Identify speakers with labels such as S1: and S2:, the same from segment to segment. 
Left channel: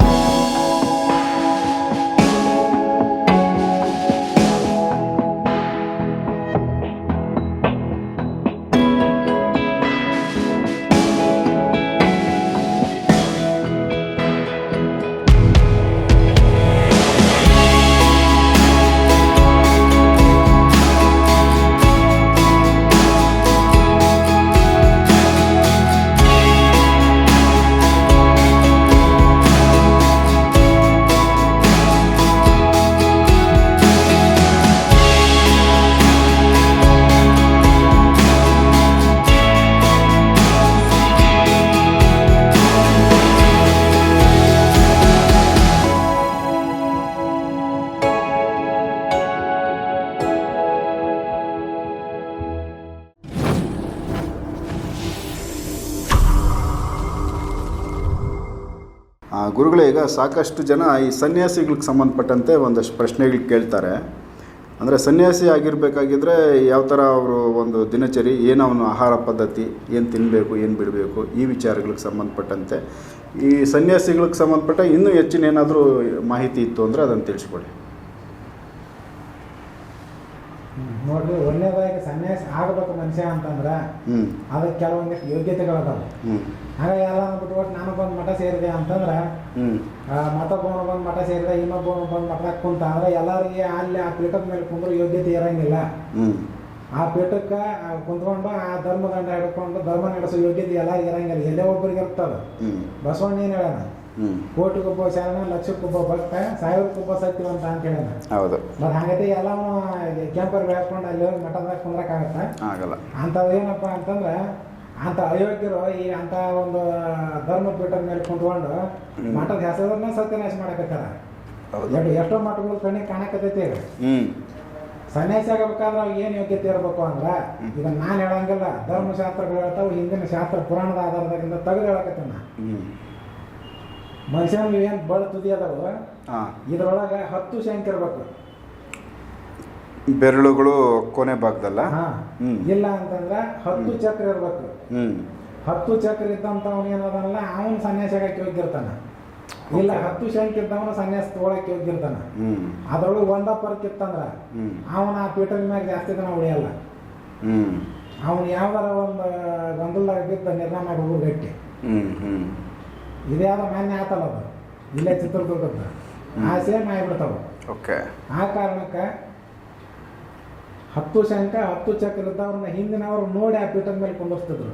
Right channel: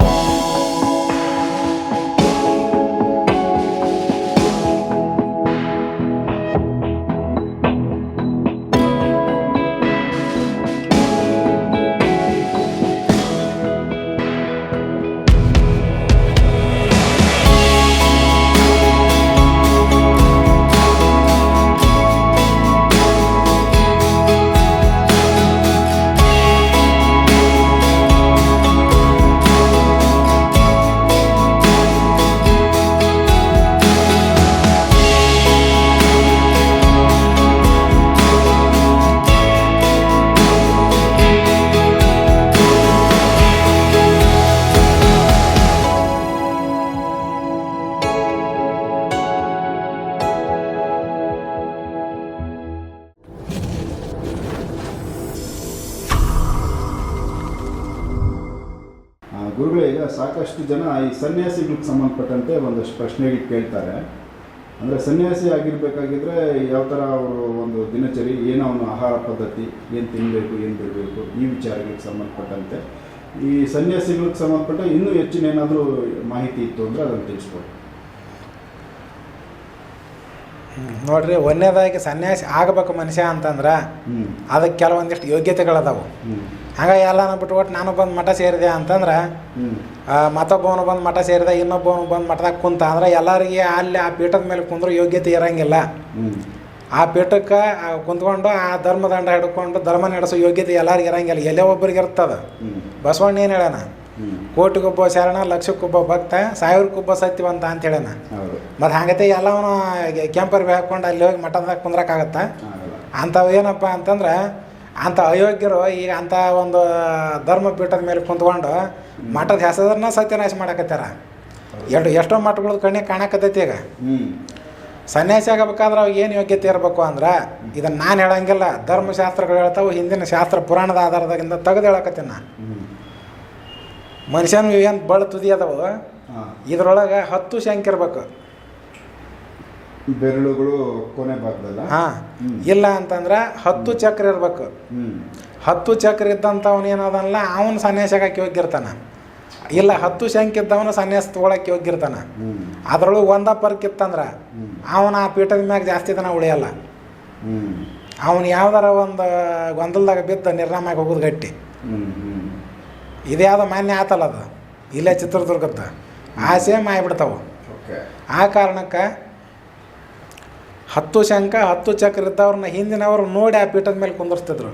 S1: you ಸಾಕಷ್ಟು ಜನ ಈ ಸನ್ಯಾಸಿಗಳಿಗೆ ಸಂಬಂಧಪಟ್ಟಂತೆ ಒಂದಷ್ಟು ಪ್ರಶ್ನೆಗಳು ಕೇಳ್ತಾರೆ ಅಂದರೆ ಸನ್ಯಾಸಿ ಆಗಿರಬೇಕಾಗಿದ್ದರೆ ಯಾವ ಥರ ಅವರು ಒಂದು ದಿನಚರಿ ಏನು ಅವನು ಆಹಾರ ಪದ್ಧತಿ ಏನು ತಿನ್ನಬೇಕು ಏನು ಬಿಡಬೇಕು ಈ ವಿಚಾರಗಳಿಗೆ ಸಂಬಂಧಪಟ್ಟಂತೆ ಈ ಸನ್ಯಾಸಿಗಳಿಗೆ ಸಂಬಂಧಪಟ್ಟ ಇನ್ನೂ ಹೆಚ್ಚಿನ ಏನಾದರೂ ಮಾಹಿತಿ ಇತ್ತು ಅಂದರೆ ಅದನ್ನು ತಿಳಿಸ್ಕೊಡಿ
S2: ನೋಡ್ರಿ ಒಂದನೇದಾಗಿ ಸನ್ಯಾಸಿ ಆಗಬೇಕು ಮನುಷ್ಯ ಅಂತಂದ್ರೆ ಅದಕ್ಕೆ ಕೆಲವೊಂದಿಷ್ಟು ಯೋಗ್ಯತೆಗಳದಾವು ಹಂಗ ಬಿಟ್ಟು ಬಿಟ್ಕೊಟ್ಟು ನಾನು ಬಂದು ಮಠ ಸೇರಿದೆ ಅಂತಂದ್ರೆ ಮತ್ತೊಬ್ಬವನು ಬಂದು ಮಠ ಸೇರಿದೆ ಇನ್ನೊಬ್ಬವನು ಬಂದು ಮಠದಾಗ ಕುಂತ ಅಂದ್ರೆ ಎಲ್ಲರಿಗೆ ಅಲ್ಲಿ ಆ ಪೀಠದ ಮೇಲೆ ಕುಂದ್ರೂ ಯೋಗ್ಯತೆ ಇರಂಗಿಲ್ಲ ಆ ಪೀಠಕ್ಕೆ ಕುಂತ್ಕೊಂಡು ಆ ಧರ್ಮದಂಡ ಹಿಡ್ಕೊಂಡು ಧರ್ಮ ನಡೆಸೋ ಯೋಗ್ಯತೆ ಎಲ್ಲರಿಗೆ ಇರಂಗಿಲ್ಲ ಎಲ್ಲೇ ಒಬ್ಬರಿಗೆ ಇರ್ತದ ಬಸವಣ್ಣ ಏನು ಹೇಳ ಕೋಟಿಗೊಬ್ಬ ಶರಣ ಲಕ್ಷಕ್ಕೊಬ್ಬ ಭಕ್ತ ಸಾವಿರಕ್ಕೊಬ್ಬ ಸತ್ಯವಂತ ಅಂತ ಹೇಳೋಣ ಹೌದು ಮತ್ತು ಹಂಗತೆ ಎಲ್ಲವನು ಕೆಂಪರ್ ಹಾಕೊಂಡು ಅಲ್ಲಿ ಹೋಗಿ ಮಠದಾಗ ಕುಂದ್ರಕ್ ಆಗಲ್ಲ ಅಂಥವು ಏನಪ್ಪ ಅಂತಂದ್ರೆ ಅಂತ ಅಯೋಗ್ಯರು ಈಗ ಅಂತ ಒಂದು ಧರ್ಮ ಪೀಠದ ಮೇಲೆ ಕುಂತ್ಕೊಂಡು ಮಠದ ಹೆಸರನ್ನ ಸತ್ಯನಾಶ ಮಾಡಕತ್ತಾರ ಎಷ್ಟು ಎಷ್ಟೋ ಮಠಗಳು ಕಣ್ಣಿಗೆ ಕಾಣಕತ್ತೈತಿ ಈಗ ಸನ್ಯಾಸಿ ಆಗಬೇಕಾದ್ರೆ ಅವಾಗ ಏನು ಯೋಗ್ಯತೆ ಇರಬೇಕು ಅಂದ್ರೆ ಇದನ್ನ ನಾನು ಹೇಳಂಗಿಲ್ಲ ಧರ್ಮಶಾಸ್ತ್ರಗಳು ಹೇಳ್ತಾವೆ ಹಿಂದಿನ ಶಾಸ್ತ್ರ ಪುರಾಣದ ಆಧಾರದಾಗಿಂದ ತೆಗೆದು ಹೇಳಕತ್ತೀನಿ ನಾನು ಮನುಷ್ಯನ ಏನು ಬಳ ತುದಿ ಅದಾವ ಇದ್ರೊಳಗೆ ಹತ್ತು ಶಂಕ್ ಇರ್ಬೇಕು
S1: ಬೆರಳುಗಳು ಕೊನೆ ಭಾಗದಲ್ಲ ಹಾಂ
S2: ಇಲ್ಲ ಅಂತಂದ್ರೆ ಹತ್ತು ಚಕ್ರ ಇರ್ಬೇಕು ಹತ್ತು ಚಕ್ರ ಇದ್ದಂಥ ಏನದಲ್ಲ ಅವನು ಸನ್ಯಾಸಕ್ಕೆ ಹಾಕಿ ಹೋಗಿರ್ತಾನ ಇಲ್ಲ ಹತ್ತು ಶಂಕ್ ಇದ್ದವನು ಸನ್ಯಾಸ ತೊಗೊಳಕ್ಕೆ ಹೋಗಿರ್ತಾನ ಅದರೊಳಗೆ ಒಂದ ಪರ್ಕ್ ಇತ್ತಂದ್ರೆ ಅವನು ಆ ಪೀಠದ ಮ್ಯಾಗ ಜಾಸ್ತಿ ದಿನ ಉಳಿಯಲ್ಲ ಅವನು ಯಾವ್ದಾರ ಒಂದು ಗೊಂದಲದಾಗ ಬಿದ್ದ ನಿರ್ನಾಮಾಗಿ ಹೋಗೋದು ಗಟ್ಟಿ ಇದೇ ಯಾವ್ದು ಮಾನ್ಯ ಆತಲ್ಲ ಅದು ಇಲ್ಲೇ ಚಿತ್ರದುರ್ಗದ ಆಸೆ ಸೇಮ್ ಓಕೆ ಆ ಕಾರಣಕ್ಕೆ ಹತ್ತು ಶಂಕ ಹತ್ತು ಚಕ್ರ ಇದ್ದವ್ರನ್ನ ಹಿಂದಿನವರು ನೋಡಿ ಆ ಪೀಠದ ಮೇಲೆ ಕುಂದರ್ಸ್ತಿದ್ರು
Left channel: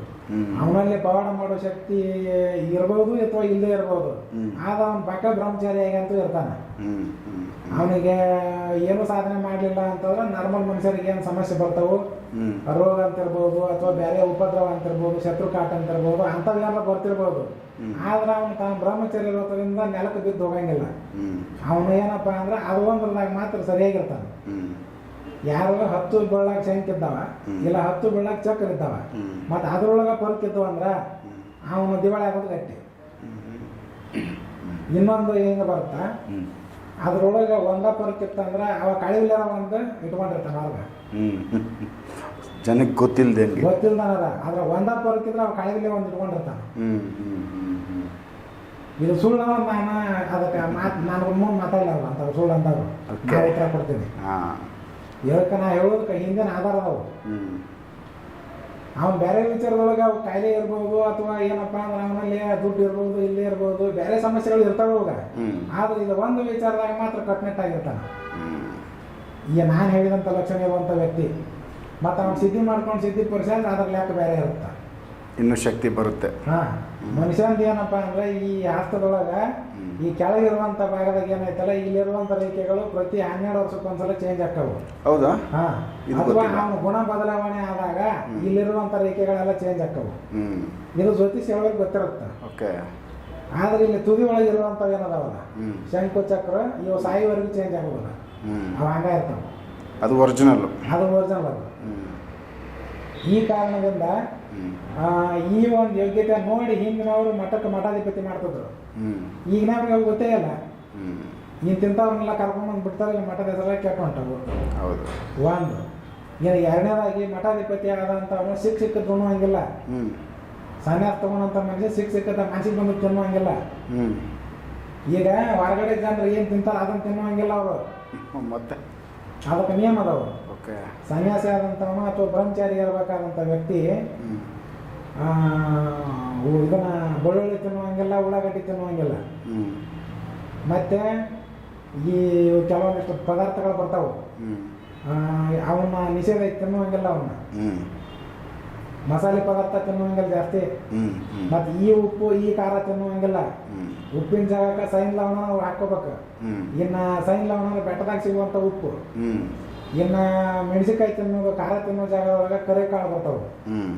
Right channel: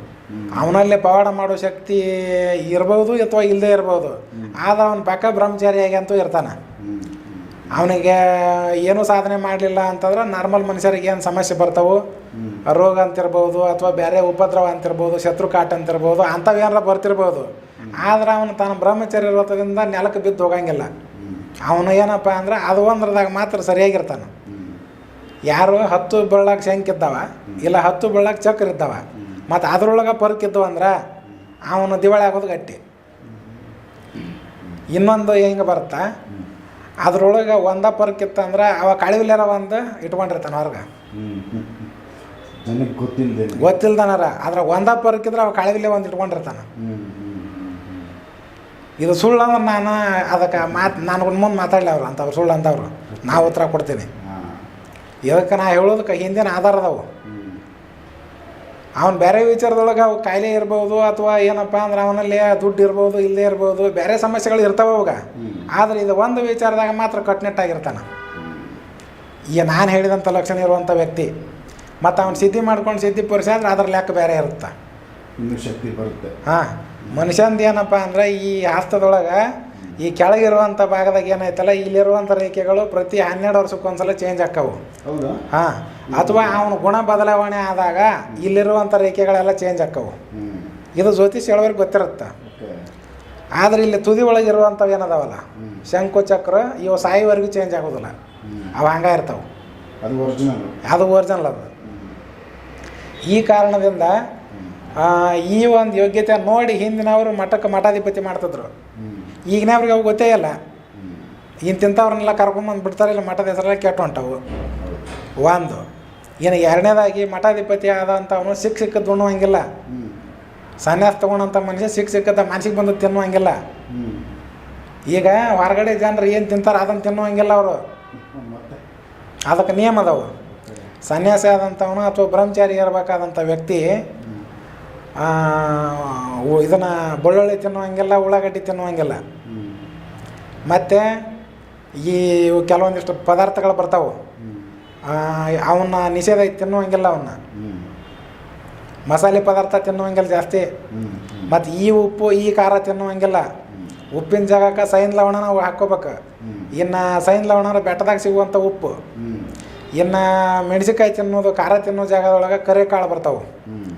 S2: ಅವನಲ್ಲಿ ಪವಾಡ ಮಾಡೋ ಶಕ್ತಿ ಇರ್ಬೋದು ಅಥವಾ ಇಲ್ಲದೆ ಇರ್ಬೋದು ಆದ್ರೆ ಅವನ ಪಕ್ಕ ಬ್ರಹ್ಮಚಾರಿಯಾಗಿ ಅಂತೂ ಇರ್ತಾನೆ ಅವನಿಗೆ ಏನೂ ಸಾಧನೆ ಮಾಡಲಿಲ್ಲ ಅಂತಂದ್ರೆ ನಾರ್ಮಲ್ ಮನುಷ್ಯರಿಗೆ ಏನು ಸಮಸ್ಯೆ ಬರ್ತಾವೆ ರೋಗ ಅಂತಿರ್ಬೋದು ಅಥವಾ ಬೇರೆ ಉಪದ್ರವ ಅಂತಿರ್ಬೋದು ಶತ್ರು ಕಾಟ ಅಂತಿರ್ಬೋದು ಅಂಥವು ಏನಾರ ಬರ್ತಿರ್ಬೋದು ಆದ್ರೆ ಅವನು ತನ್ನ ಬ್ರಹ್ಮಚರ್ಯ ಇರೋದ್ರಿಂದ ನೆಲಕ್ಕೆ ಬಿದ್ದು ಹೋಗಂಗಿಲ್ಲ ಅವನು ಏನಪ್ಪ ಅಂದ್ರೆ ಅದು ಒಂದ್ರದಾಗ ಮಾತ್ರ ಸರಿಯಾಗಿರ್ತಾನೆ ಯಾರು ಹತ್ತು ಬೆಳ್ಳಾಗ ಶಂಕಿದ್ದಾವ ಇಲ್ಲ ಹತ್ತು ಬೆಳ್ಳಾಗ ಚಕ್ರ ಇದ್ದಾವ ಮತ್ತು ಅದ್ರೊಳಗೆ ಪರ್ಕಿದ್ದವು ಅಂದ್ರೆ ಅವನು ದಿವಾಳಿ ಆಗೋದು ಗಟ್ಟಿ ಇನ್ನೊಂದು ಹೆಂಗೆ ಬರುತ್ತಾ ಅದ್ರೊಳಗೆ ಒಂದ ಪರ್ಕಿತ್ತಂದ್ರೆ ಅವ ಕಳಿವಿಲ್ಲಾರ ಒಂದು ಇಟ್ಕೊಂಡಿರ್ತಾನೆ ಅವ್ರಿಗೆ
S1: ಜನಕ್ಕೆ ಗೊತ್ತಿಲ್ಲದೆ
S2: ಗೊತ್ತಿಲ್ದನಾರ ಆದ್ರೆ ಒಂದ ಪರ್ಕಿದ್ರೆ ಅವ ಕಳಿವಿಲ್ಲ ಒಂದು ಇಟ್ಕೊಂಡಿರ್ತಾನೆ ಇದು ಸುಳ್ಳು ನಾನು ಅದಕ್ಕೆ ಮಾತು ನಾನು ಮುಂದೆ ಮಾತಾಡಲಿ ಅವ್ರು ಅಂತವ್ರು ಸುಳ್ಳು ಅಂತವ್ರು ನಾವು ಉತ್ತರ ಕೊಡ್ತೀನಿ ಇದಕ್ಕೆ ನಾ ಹೇಳೋದಕ್ಕೆ ಹಿಂದಿನ ಆಧಾರ ಅದಾವು ಅವ್ನು ಬೇರೆ ವಿಚಾರದೊಳಗೆ ಅವು ಕಾಯಿಲೆ ಇರ್ಬೋದು ಅಥವಾ ಏನಪ್ಪ ಅಂದ್ರೆ ಅವನಲ್ಲಿ ದುಡ್ಡು ಇರ್ಬೋದು ಇಲ್ಲದೆ ಇರ್ಬೋದು ಬೇರೆ ಸಮಸ್ಯೆಗಳು ಇರ್ತವೆ ಅವಾಗ ಆದ್ರೆ ಇದು ಒಂದು ವಿಚಾರದಾಗ ಮಾತ್ರ ಕಟ್ನೆಟ್ಟಾಗಿರ್ತಾನೆ ಈಗ ನಾನು ಹೇಳಿದಂಥ ಲಕ್ಷಣ ಇರುವಂಥ ವ್ಯಕ್ತಿ ಮತ್ತು ಅವ್ನು ಸಿದ್ಧಿ ಮಾಡ್ಕೊಂಡು ಸಿದ್ಧಿ ಪುರುಷ ಅಂದ್ರೆ ಅದ್ರ ಲೆಕ್ಕ ಬೇರೆ ಇರುತ್ತೆ
S1: ಇನ್ನೂ ಶಕ್ತಿ ಬರುತ್ತೆ ಹಾಂ
S2: ಮನುಷ್ಯಂದು ಏನಪ್ಪ ಅಂದ್ರೆ ಈ ಹಸ್ತದೊಳಗೆ ಈ ಕೆಳಗಿರುವಂಥ ಭಾಗದಾಗ ಏನಾಯ್ತಲ್ಲ ಇಲ್ಲಿರುವಂಥ ರೇಖೆಗಳು ಪ್ರತಿ ಹನ್ನೆರಡು ವರ್ಷಕ್ಕೊಂದ್ಸಲ ಚೇಂಜ್ ಆಕ್ಕವು ಹೌದು ಹಾಂ ಅಥವಾ ಅವನ ಗುಣ ಬದಲಾವಣೆ ಆದಾಗ ಇಲ್ಲಿರುವಂಥ ರೇಖೆಗಳೆಲ್ಲ ಚೇಂಜ್ ಆಕ್ಕವು ಇದು ಜ್ಯೋತಿಷ್ ಹೇಳೋರಿಗೆ ಗೊತ್ತಿರುತ್ತೆ ಆದ್ರೆ ಇಲ್ಲಿ ತುದಿ ಒಳಗಿರುವಂಥವು ಏನದಾವಲ್ಲ ಶಂಕು ಚಕ್ರ ಇವು ಸಾಯಿವರೆಗೂ ಚೇಂಜ್ ಆಗೋದಿಲ್ಲ ಅವು ಹಂಗ ಇರ್ತಾವೆ ಅದು ಒರಿಜಿನಲ್ ಅದು ಒರಿಜಿನಲ್ ಅದು ಈ ಕಾರಣದಿಂದ ಈ ಒಂದು ಯೋಗ್ಯತೆ ನೋಡಿ ಹಿಂದಿನವರು ಮಠಕ್ಕೆ ಮಠಾಧಿಪತಿ ಮಾಡ್ತಿದ್ರು ಅವ್ರಿಗೆ ಅವು ಗೊತ್ತೇ ಇಲ್ಲ ಇಂತಿಂಥವ್ರನ್ನೆಲ್ಲ ಬಂದು ಬಿಡ್ತಾರೆ ಇಲ್ಲ ಮಠದ ಹೆಸರೆಲ್ಲ ಕೆಟ್ಟ ಹೊಂಟವು ಒಂದು ಏನು ಎರಡನೇದಾಗಿ ಮಠಾಧಿಪತಿ ಆದಂಥವನು ಸಿಕ್ಕ ಸಿಕ್ಕದ್ದು ಉಣ್ಣುವಂಗಿಲ್ಲ ಸನ್ಯಾಸ ತಗೊಂಡಂತ ಮನುಷ್ಯ ಸಿಕ್ಕ ಸಿಕ್ಕದ ಮನ್ಸಿಗೆ ಬಂದು ತಿನ್ನುವಂಗಿಲ್ಲ ಈಗ ಹೊರಗಡೆ ಜನರು ಏನು ತಿಂತಾರೆ ಅದನ್ನು ತಿನ್ನುವಂಗಿಲ್ಲ ಅವರು ಅದಕ್ಕೆ ನಿಯಮ ಸನ್ಯಾಸಿ ಆದಂಥವನು ಅಥವಾ ಬ್ರಹ್ಮಚಾರಿ ಇರಬೇಕಾದಂಥ ವ್ಯಕ್ತಿ ಇದನ್ನ ಬೆಳ್ಳುಳ್ಳಿ ತಿನ್ನುವಂಗಿಲ್ಲ ಉಳ್ಳಾಗಡ್ಡಿ ತಿನ್ನುವಂಗಿಲ್ಲ ಮತ್ತೆ ಈ ಕೆಲವೊಂದಿಷ್ಟು ಪದಾರ್ಥಗಳು ಬರ್ತಾವೆ ಅವನ್ನ ನಿಷೇಧ ತಿನ್ನುವಂಗಿಲ್ಲ ಅವನ್ನ ಮಸಾಲೆ ಪದಾರ್ಥ ತಿನ್ನುವಂಗಿಲ್ಲ ಜಾಸ್ತಿ ಮತ್ತೆ ಈ ಉಪ್ಪು ಈ ಖಾರ ತಿನ್ನುವಂಗಿಲ್ಲ ಉಪ್ಪಿನ ಜಾಗಕ್ಕೆ ಸೈನ್ ಲವಣನ ಹಾಕೋಬೇಕು ಇನ್ನು ಸೈನ್ ಲವಣ ಬೆಟ್ಟದಾಗ ಸಿಗುವಂಥ ಉಪ್ಪು ಇನ್ನು ಮೆಣಸಿನ್ಕಾಯಿ ತಿನ್ನೋದು ಖಾರ ತಿನ್ನೋ ಜಾಗದೊಳಗೆ ಕರಿ ಕಾಳು ಬರ್ತಾವೆ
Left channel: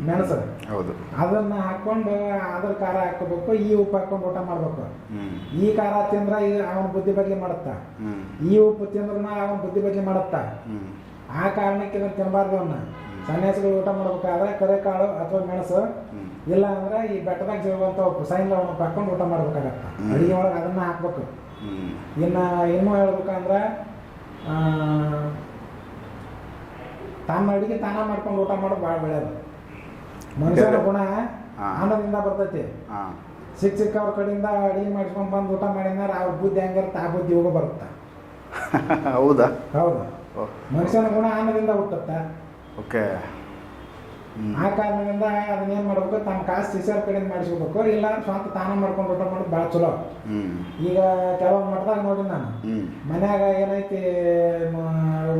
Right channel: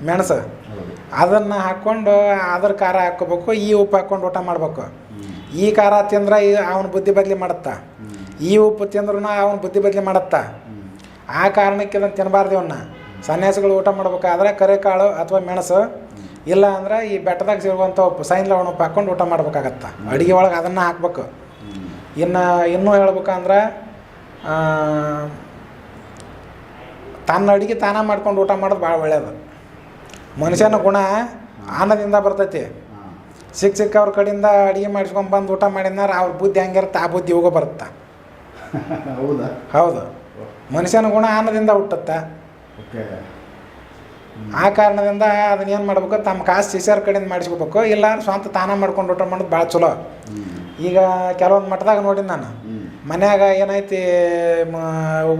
S2: ಮೆಣಸು ಹೌದು ಹಾಕೊಂಡು ಹಾಕ್ಕೊಂಡು ಅದ್ರ ಖಾರ ಹಾಕೋಬೇಕು ಈ ಉಪ್ಪು ಹಾಕೊಂಡು ಊಟ ಮಾಡ್ಬೇಕು ಈ ಖಾರ ತಿಂದ್ರೆ ಅವನ ಬುದ್ಧಿ ಬದ್ಲಿ ಮಾಡುತ್ತಾ ಈ ಉಪ್ಪು ತಿಂದ್ರೂ ಅವನ ಬುದ್ಧಿ ಬದ್ಲಿ ಮಾಡುತ್ತಾ ಆ ಕಾರಣಕ್ಕೆ ಇದನ್ನ ತಿನ್ನಬಾರ್ದು ಇವನ್ನ ಸನ್ಯಾಸಿಗಳು ಊಟ ಮಾಡ್ಬೇಕಾದ್ರೆ ಕರೆಕಾಳು ಅಥವಾ ಮೆಣಸು ಇಲ್ಲ ಅಂದ್ರೆ ಈ ಬೆಟ್ಟದಾಗ ಸಿಗುವಂಥ ಉಪ್ಪು ಸೈನ್ ಲವಣ ಉಪ್ಪು ಹಾಕೊಂಡು ಊಟ ಮಾಡ್ಬೇಕಾಗತ್ತ ಅಡುಗೆ ಒಳಗೆ ಅದನ್ನ ಹಾಕ್ಬೇಕು ಇನ್ನು ಇನ್ನೂ ಹೇಳ್ಬೇಕಂದ್ರೆ ತನ್ನ ಅಡುಗೆ ತಾನ ಮಾಡ್ಕೊಂಡು ಊಟ ಮಾಡೋದು ಭಾಳ ಒಳ್ಳೆಯದು ಮನುಷ್ಯನ ಗುಣ ಆನದಿಂದ ಬರ್ತೈತಿ ಸಿಕ್ಕ ಸಿಕ್ಕ ಅವ್ರ ಕಡೆಯಿಂದ ಅಡುಗೆ ಮಾಡಿಸ್ಕೊಂಡು ಬಂದು ಊಟ ಮಾಡಿದ್ರೆ ಅವ್ರ ಬುದ್ಧಿ ಹಂಗಿರುತ್ತೆ ಆ ಬುದ್ಧಿ ಹೋಗೋ ಬರುತ್ತೆ
S1: ಹೌದಾ ಹೌದು
S2: ಮನುಷ್ಯನ ಗುಣ ಅನ್ನದಿಂದ ಹುಟ್ಟುತ್ತೆ ಓಕೆ ಆ ಕಾರಣದಿಂದ ಅದನ್ನ ಏನು ಮಾಡ್ಬೇಕು ತಮ್ಮ ಕಾಸು ಸಿಸಿಯರ್ ಕಡೆಯಿಂದ ಮಾಡಿಸ್ಕೋಬೇಕು ಇಲ್ಲ ಸ್ವಂತ ತಾನ ಮಾಡ್ಕೊಂಡು ಊಟ ಮಾಡೋದು ಭಾಳ ಚಲೋ ಈಗ ಕೆಲವೊಂದು ಮಟ್ಟದಾಗ ನೋಡಿನ ನಾನು ಮನ್ಯಾಗ ಏನೈತಿ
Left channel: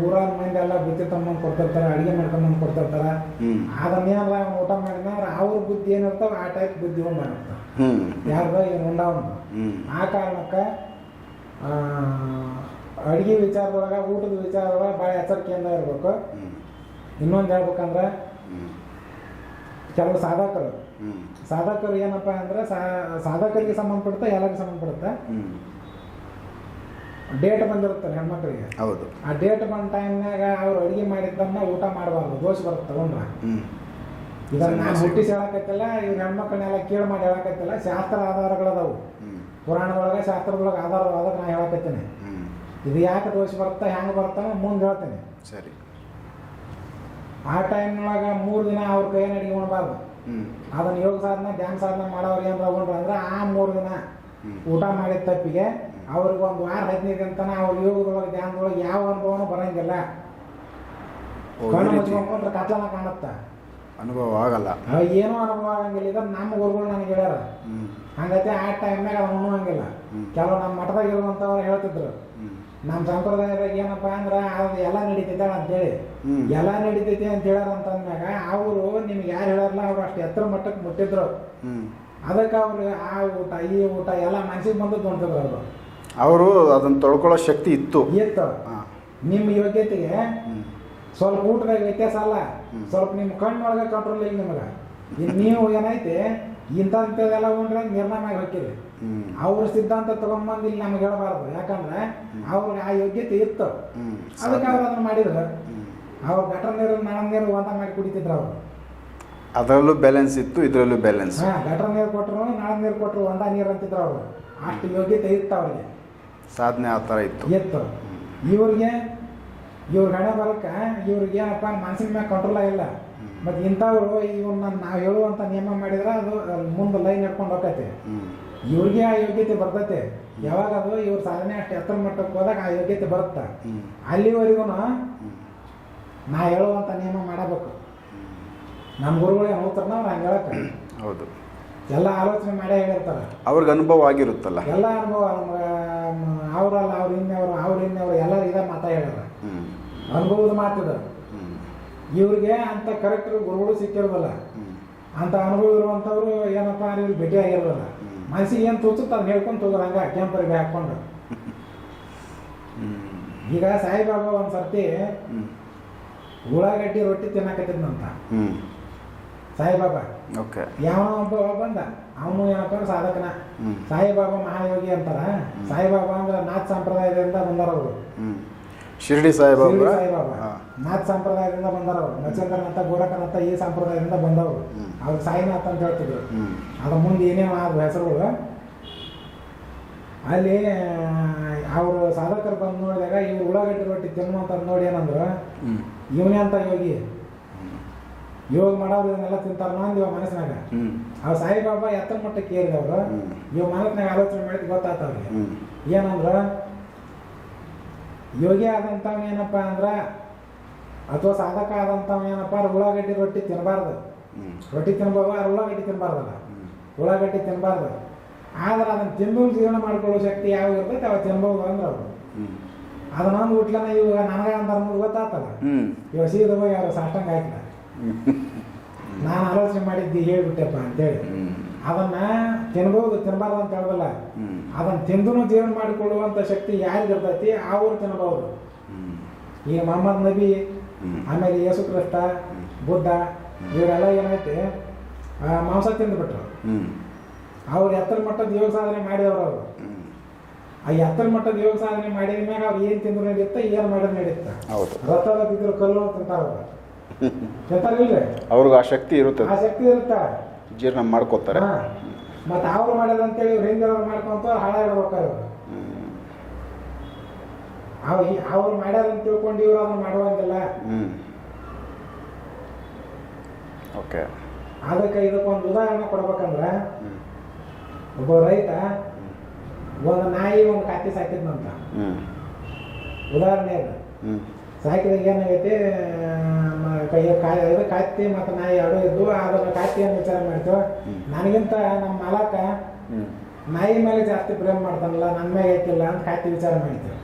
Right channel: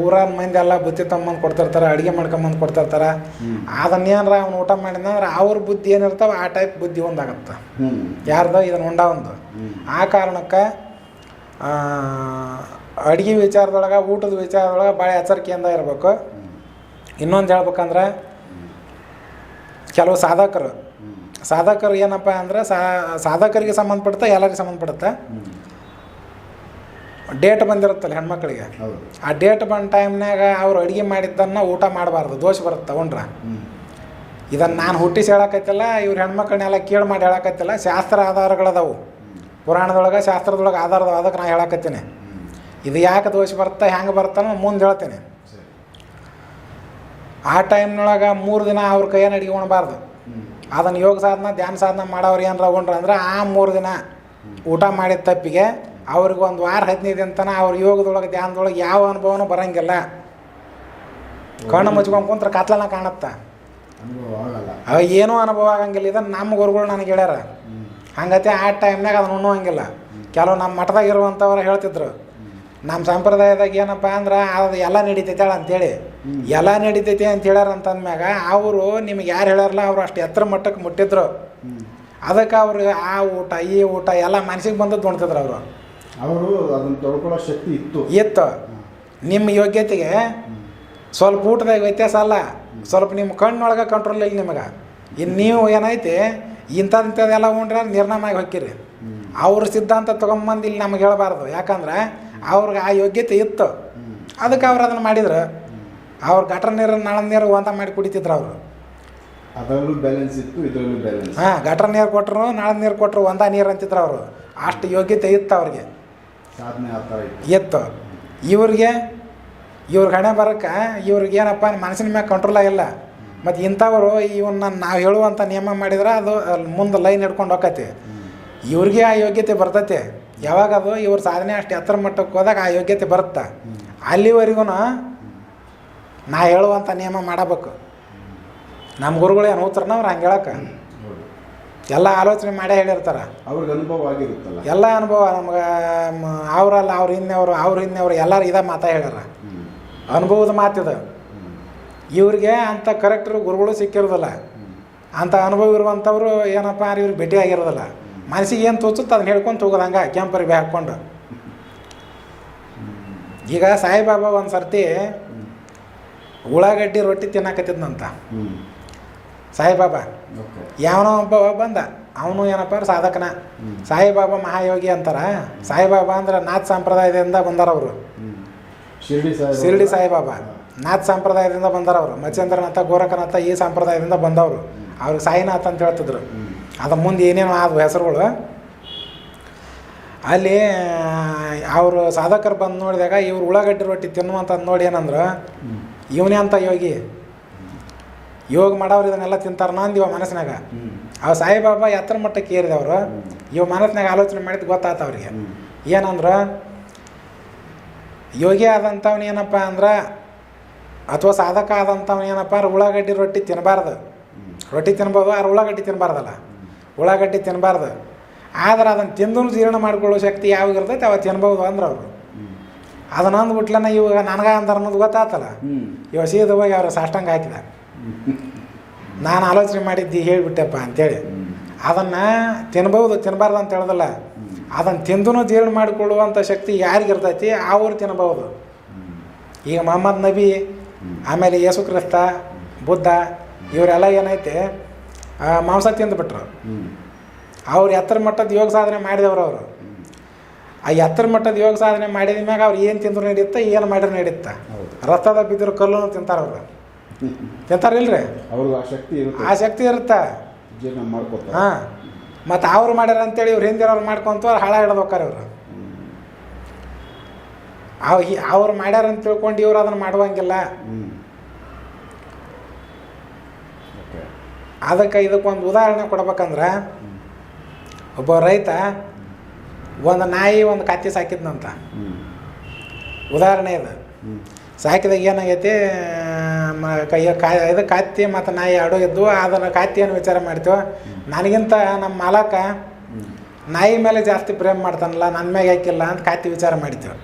S2: ಊರ ಮಂದಿ ಎಲ್ಲ ಬುತ್ತಿ ತಮ್ಮಂದು ಕೊಡ್ತಿರ್ತಾರೆ ಅಡುಗೆ ಮಾಡ್ಕೊಂಬಂದು ಕೊಡ್ತಿರ್ತಾರೆ ಏನರ ಅವ್ನು ಊಟ ಮಾಡಿದಂದ್ರೆ ಅವ್ರ ಬುದ್ಧಿ ಏನಿರ್ತಾವ ಆ ಟೈಪ್ ಬುದ್ಧಿ ಒಂದಾಗತ್ತೆ ಯಾರ್ದೋ ಇದನ್ನ ಉಂಡ ಒಂದು ಆ ಕಾರಣಕ್ಕೆ ಅಡುಗೆ ವಿಚಾರದೊಳಗೆ ಊಟದ ವಿಚಾರದೊಳಗೆ ಭಾಳ ಎಚ್ಚರಿಕೆಯಿಂದ ಇರಬೇಕು ಇನ್ನೊಂದು ಹೇಳ್ಬೇಕಂದ್ರೆ ಕೆಲವು ಸಾಧಕರು ಸಾಧಕರು ಏನಪ್ಪ ಅಂದ್ರೆ ಸಾಧಕರಿಗೆ ಸಂಬಂಧಪಡುತ್ತೆ ಎಲ್ಲರಿಗೆ ಸಂಬಂಧಪಡುತ್ತೆ ಡೇಟ್ ಬಂದಿರುತ್ತಲ್ಲ ಹೆಣ್ಮಕ್ಳಿಗೆ ಹೌದು ಆ ಡೇಟ್ ಬಂದ ಟೈಮ್ನಾಗ ಅವ್ರು ಅಡುಗೆ ಮಾಡಿದ್ದನ್ನ ಊಟ ಮಾಡಬಾರ್ದು ದೋಷ ಬರುತ್ತ ಉಂಡ್ರ ಇದನ್ನ ನಾನು ಹುಟ್ಟಿಸಿ ಹೇಳಕತ್ತಿಲ್ಲ ಇವ್ರು ಹೆಣ್ಮಕ್ಳನ್ನೆಲ್ಲ ಕೇಳಿ ಮಾಡಿ ಹೇಳಕತ್ತಿಲ್ಲ ಶಾಸ್ತ್ರ ಆಧಾರಗಳದವು ಪುರಾಣದೊಳಗೆ ಶಾಸ್ತ್ರದೊಳಗೆ ಆಧಾರದ ಅದಕ್ಕೆ ನಾ ಹೇಳಕತ್ತೀನಿ ಇದು ಯಾಕೆ ದೋಷ ಬರ್ತಾ ಹೆಂಗೆ ಬರ್ತಾನೋ ಮುಂದೆ ಹೇಳ್ತೇನೆ ಆ ಟೈಮ್ನೊಳಗೆ ಮೂರು ದಿನ ಅವ್ರ ಕೈಯನ್ನು ಹಿಡ್ಕೊಳ್ಬಾರ್ದು ಅದನ್ನು ಯೋಗ ಸಾಧನ ಧ್ಯಾನ ಸಾಧನ ಮಾಡೋರು ಏನು ತಗೊಂಡ್ರೆ ಅಂದ್ರೆ ಆ ಮೂರು ದಿನ ಊಟ ಮಾಡಿದ ತಪ್ಪಿಗೆ ಅವ್ರಿಗೆ ಒಂದು ವಾರ ಹದಿನೈದು ದಿನ ಅಂತನ ಅವ್ರ ಯೋಗದೊಳಗೆ ಧ್ಯಾನದೊಳಗೆ ಯಾವ ಅನುಭವನೂ ಬರಂಗಿಲ್ಲ ಕಣ್ಣು ಮುಚ್ಕೊಂಡು ಕುಂತ್ರೆ ಕತ್ಲನ ಕಾಣುತ್ತ ಅನುಭವ ಆಗಲ್ಲ ಏನೂ ಅನುಭವ ಆಗಂಗಿಲ್ಲ ಇದನ್ನು ನಮ್ಮ ಗುರುಗಳು ನನಗೆ ಹೇಳ್ಯಾರ ಹಂಗತೆ ಆ ಟೈಮ್ನಾಗ ಅದನ್ನು ಉಣ್ಣುವಂಗಿಲ್ಲ ಕೆಲವು ನಮ್ಮ ಮಠದಾಗ ಇರುವಂಥವ್ರು ಹೇಳ್ತಿದ್ರು ನಮ್ಮ ಸಂಪ್ರದಾಯದಾಗ ಏನಪ್ಪ ಅಂದ್ರೆ ಅದು ಎಲ್ಲ ನಡೀತೈತೆ ಅಂತೇಳಿ ಎಲ್ಲ ನಡೀತೈತಿ ಅಂತ ಹೇಳ್ಯಾರ ಅಂತಂದ್ಮ್ಯಾಗ ಅವರು ನಿಮ್ಗೆ ಯಾರು ಹೇಳಾರಲ್ಲ ಅವ್ರು ಅಷ್ಟು ಎತ್ತರ ಮಟ್ಟಕ್ಕೆ ಮುಟ್ಟಿದ್ರು ಅದಕ್ಕೆ ಅವ್ರಿಗೆ ಆ ಊಟ ಈ ಊಟ ಎಲ್ಲ ಮನಸ್ಸಿಗೆ ಬಂದದ್ದು ನೋಡ್ತಿದ್ರು ಅವರು
S1: ಅವರು ಅದನ್ನು ತೊಳ್ಕೊಳ್ಳೋ ಶಕ್ತಿ ಇತ್ತು
S2: ಇತ್ತು ನಿಮ್ಮ ಯೋಗ್ಯತೆಗೆ ಸ್ವಲ್ಪ ಊಟದಾಗ ವ್ಯತ್ಯಾಸ ಅಲ್ಲ ಸ್ವಲ್ಪ ನಿಮ್ಮ ಕಣ್ಣೊಳಗೆ ಕಂಟ್ರೋಲ್ ಇಲ್ಲ ನಿಮಗೆ ಇನ್ನು ನೀವು ಏನೈತಿ ಇಂಥದ್ದಿಂಥದ್ದೆಲ್ಲ ಉಂಡ್ರೆ ನಿರ್ನಾಮಾಗಿ ಹೊಕ್ಕಿರಿ ಅವ್ರ ಸಿದ್ಧಾಂತ ತೊಗೊಂಬಂದು ಇಲ್ಲಿ ನಮ್ಗೆ ಹೇಳಬಾರ್ದು ಯಾಕಂದ್ರೆ ಅವ್ರಿಗೆ ಆ ಯೋಗ್ಯತೆ ಇತ್ತು ಅದಕ್ಕೆ ಅವ್ರು ಅದನ್ನು ಮಾಡಿದ್ರು ಅವ್ರು ಗಟರ್ ನೀರು ನಳ ನೀರು ಅಂತ ಮಾಡಿ ಕುಡಿತಿದ್ರು ಅವರು
S1: ಅದರಲ್ಲೂ ಬ್ಯಾಲೆನ್ಸ್ ಇತ್ತು ಇದರಲ್ಲೂ ಬ್ಯಾಲೆನ್ಸ್
S2: ಹಾಂ ಗಟರ್ ನೀರು ಕೊಟ್ಟರು ನಾಳ ನೀರು ಕೊಟ್ಟರು ಒಂದ ನೀರು ಅಂತಿದ್ರು ಅವರು ಅಷ್ಟು ಯೋಗ್ಯತೆ ಇತ್ತು ಅವ್ರಿಗೆ
S1: ಸಾಧನೆ ಆ ಥರ ಇತ್ತು
S2: ಇತ್ತು ಇವ್ರಿಗೆ ಇವ್ರ ಹಣೆ ಬರೋಕ್ಕೆ ಇವ್ರಿಗೆ ಏನಪ್ಪ ಮನಸ್ಸಿನ ಮ್ಯಾಗ ಕಂಟ್ರೋಲ್ ಆಗಿಲ್ಲ ಮತ್ತು ಇಂಥವರು ಇವನ್ನ ನಾವು ಹೇಳುವಂಥ ನಿಯಮ ಮಾಡಿದ್ರೆ ಅದು ಮುಂದೆ ಲೈನ್ ಹಿಡ್ಕೊಂಡು ಹೋಗತ್ತೆ ಇವ್ರಿಗೆ ಆ ಯೋಗ್ಯತೆ ಬರ್ತೈತಿ ಯಾವಾಗ ಅದು ಇವ್ರ ಸಾಧನೆ ಅಷ್ಟು ಎತ್ತರ ಮಟ್ಟಕ್ಕೆ ಹೋದಾಗ ಆ ಯೋಗ್ಯತೆ ಬರುತ್ತೆ ಅಲ್ಲಿವರೆಗೂ ನಾ ಹೇಳುವಂಥ ನಿಯಮ ಮಾಡಬೇಕು ನಮ್ಮ ಗುರುಗಳು ಏನು ಹೋಗ್ತಾರನ ಅವ್ರು ಹಂಗೆ ಹೇಳಕ್ಕೆ ಹೌದು ಎಲ್ಲ ಆಲೋಚನೆ ಮಾಡೇ ಹೇಳಿರ್ತಾರೆ
S1: ಅವ್ರಿಗೆ ಅನುಭವ ಆಗಿರುತ್ತಲ್ಲ
S2: ಎಲ್ಲ ಅನುಭವ ನಮ್ಗೆ ಅವರಲ್ಲ ಅವ್ರ ಹಿಂದೆಯವರು ಅವ್ರ ಹಿಂದೆಯವರು ಎಲ್ಲರೂ ಇದೇ ಮಾತಾ ಹೇಳ್ಯಾರ ಅನುಭವದ ಮಾತಿದು ಇವ್ರಿಗೆ ಅಂಥ ಕರೆಕ್ಟರು ಗುರುಗಳು ಸಿಕ್ಕಿರೋದಿಲ್ಲ ಅಂಥ ಅನುಭವ ಇರುವಂಥವ್ರು ಏನಪ್ಪ ಅಂದ್ರೆ ಇವ್ರಿಗೆ ಭೇಟಿ ಆಗಿರೋದಿಲ್ಲ ಮನಸ್ಸಿಗೆ ಏನು ತೋಚುತ್ತೆ ಅದನ್ನ ಹೇಳ್ಕೊಂಡು ಹೋಗೋದಂಗೆ ಕೆಂಪರಿಗೆ ಹಾಕ್ಕೊಂಡು ಈಗ ಸಾಯಿಬಾಬಾ ಒಂದು ಸರ್ತಿ ಉಳ್ಳಾಗಡ್ಡಿ ರೊಟ್ಟಿ ತಿನ್ನಕತ್ತಿದ್ನಂತ ಸಾಯಿಬಾಬಾ ಓಕೆ ಯಾವನೋ ಒಬ್ಬ ಬಂದ ಅವನು ಏನಪ್ಪ ಸಾಧಕನ ಸಾಯಿಬಾಬಾ ಮಹಾಯೋಗಿ ಅಂತಾರ ಸಾಯಿಬಾಬಾ ಅಂದ್ರೆ ನಾಥ್ ಸಂಪ್ರದಾಯದಿಂದ ಬಂದಾರ ಅವರು ಶಿರ್ಡಿ ಶಿರ್ಡಿ ಸಾಯಿಬಾಬಾ ನಾಥ್ ಸಂಪ್ರದಾಯದಿಂದ ಬಂದಾರ ಅವರು ಮಚೇಂದ್ರನಾಥ ಗೋರಖನಾಥ ಈ ಸಂಪ್ರದಾಯದಿಂದ ಬಂದವರು ಅವ್ರಿಗೆ ಸಾಯಿನಾಥ್ ಅಂತ ಹೇಳ್ತಿದ್ರು ಅದ ಮುಂದೆ ಏನೇನು ಆದ್ವು ಹೆಸರುಗಳು ಅಲ್ಲಿ ಅವರು ಸಾಧಕರು ಬಂದು ನೋಡಿದಾಗ ಇವ್ರು ಉಳ್ಳಾಗಡ್ಡಿ ರೊಟ್ಟಿ ತಿನ್ನುವಂತ ನೋಡಿ ಏನಂದ್ರು ಇವನೇ ಅಂತ ಯೋಗಿ ಯೋಗ ಮಾಡೋರು ಇದನ್ನೆಲ್ಲ ತಿಂತಾರ ಅಂದಿವ ಮನಸ್ಸಿನಾಗ ಅವ ಸಾಯಿಬಾಬಾ ಎತ್ತರ ಮಟ್ಟಕ್ಕೆ ಏರಿದವರು ಇವ ಮನಸ್ಸಿನಾಗ ಆಲೋಚನೆ ಮಾಡಿದ ಗೊತ್ತಾತ ಅವ್ರಿಗೆ ಏನಂದ್ರೆ ಯೋಗಿ ಏನಪ್ಪ ಅಂದ್ರೆ ಅಥವಾ ಸಾಧಕ ಆದಂಥವ್ನೇನಪ್ಪ ಅಂದ್ರೆ ಉಳ್ಳಾಗಡ್ಡಿ ರೊಟ್ಟಿ ತಿನ್ಬಾರ್ದು ರೊಟ್ಟಿ ತಿನ್ಬೋದು ಆದ್ರೆ ಉಳ್ಳಾಗಡ್ಡಿ ತಿನ್ನಬಾರ್ದಲ್ಲ ಉಳ್ಳಾಗಡ್ಡಿ ತಿನ್ನಬಾರ್ದು ಆದ್ರೆ ಅದನ್ನ ತಿಂದು ಜೀರ್ಣ ಮಾಡ್ಕೊಳ್ಳೋ ಶಕ್ತಿ ಯಾವಾಗ ಇರ್ತೈತೆ ಅವ ತಿನ್ಬೋದು ಅಂದ್ರೆ ಅವರು ಅದನ್ನೊಂದು ಬಿಟ್ಲನ ಇವಾಗ ನನಗ ಅಂತಾರ ಅನ್ನೋದು ಗೊತ್ತಾತಲ್ಲ ಇವಾಗ ಸೀದ ಹೋಗಿ ಅವ್ರ ಸಾಷ್ಟಂಗ ಹಾಕಿದ ನಾನು ಆಲೋಚನೆ ಮಾಡಿದ್ದು ಹೇಳಿಬಿಟ್ಟೆಪ್ಪ ಅಂತೇಳಿ ಅದನ್ನ ತಿನ್ಬಹುದು ತಿನ್ಬಾರ್ದು ಅಂತ ಹೇಳ್ದಲ್ಲ ಅದನ್ನ ತಿಂದು ಜೀರ್ಣ ಮಾಡಿಕೊಳ್ಳುವಂತ ಶಕ್ತಿ ಯಾರಿಗಿರ್ತೈತಿ ಅವ್ರು ತಿನ್ಬಹುದು ಈಗ ಮೊಹಮ್ಮದ್ ನಬಿ ಆಮೇಲೆ ಯೇಸು ಕ್ರಿಸ್ತ ಬುದ್ಧ ಇವರೆಲ್ಲ ಏನೈತೆ ಮಾಂಸ ತಿಂದುಬಿಟ್ರು ಅವ್ರು ಎತ್ತರ ಮಟ್ಟದ ಯೋಗ ಸಾಧನೆ ಮಾಡಿದವರು ಅವರು ಆ ಎತ್ತರ ಮಟ್ಟದ ಯೋಗ ಸಾಧನೆ ಮಾಡಿದ ಮ್ಯಾಗ ಅವ್ರು ಏನು ತಿಂದ್ರು ನಡೆಯುತ್ತ ಏನು ಮಾಡಿದ್ರು ನಡೆಯುತ್ತ ಹೌದು ರಥದ ಬಿದ್ದರು ಕಲ್ಲು ತಿಂತಾರ ಅವ್ರು ತಿಂತಾರಿಲ್ರಿ
S1: ಅವ್ರಿಗೆ ಆ ಶಕ್ತಿ ಇರುತ್ತೆ
S2: ಆ ಶಕ್ತಿ ಇರುತ್ತೆ
S1: ಜೀರ್ಣ ಮಾಡ್ಕೋತಾರೆ ಹಾಂ
S2: ಮತ್ತು ಅವ್ರು ಮಾಡ್ಯಾರ ಅಂತೇಳಿ ಇವ್ರು ಅವ್ರು ಮಾಡ್ಕೊಂತ ಅವ್ರು ಹಾಳ ಹಿಡ್ದು ಹೋಗ್ತಾರೆ ಇವರು ಅವ್ ಅವ್ರು ಮಾಡ್ಯಾರ ಅಂತ ತಿಳ್ಕೊಂಡು ಇವ್ರು ಅದನ್ನು ಮಾಡುವಂಗಿಲ್ಲ ಓಕೆ ಅದಕ್ಕೆ ಇದಕ್ಕೊಂದು ಉದಾಹರಣೆ ಕೊಡ್ಬೇಕಂದ್ರೆ ಒಬ್ಬ ರೈತ ಒಂದು ನಾಯಿ ಒಂದು ಕತ್ತಿ ಸಾಕಿದ್ನಂತ ಉದಾಹರಣೆ ಇದು ಸಾಕಿದಾಗ ಏನಾಗೈತಿ ಕೈಯ ಕಾ ಇದು ಕತ್ತಿ ಮತ್ತು ನಾಯಿ ಎರಡು ಇದ್ದು ಅದನ್ನು ಕತ್ತಿಯನ್ನು ವಿಚಾರ ಮಾಡ್ತೀವೋ ನನಗಿಂತ ನಮ್ಮ ಮಾಲಕ ನಾಯಿ ಮೇಲೆ ಜಾಸ್ತಿ ಪ್ರೇಮ್ ಮಾಡ್ತಾನಲ್ಲ ನನ್ನ ಮ್ಯಾಗ ಹಾಕಿಲ್ಲ ಅಂತ ಕಾತಿ ವಿಚಾರ ಮಾಡ್ತೇವೆ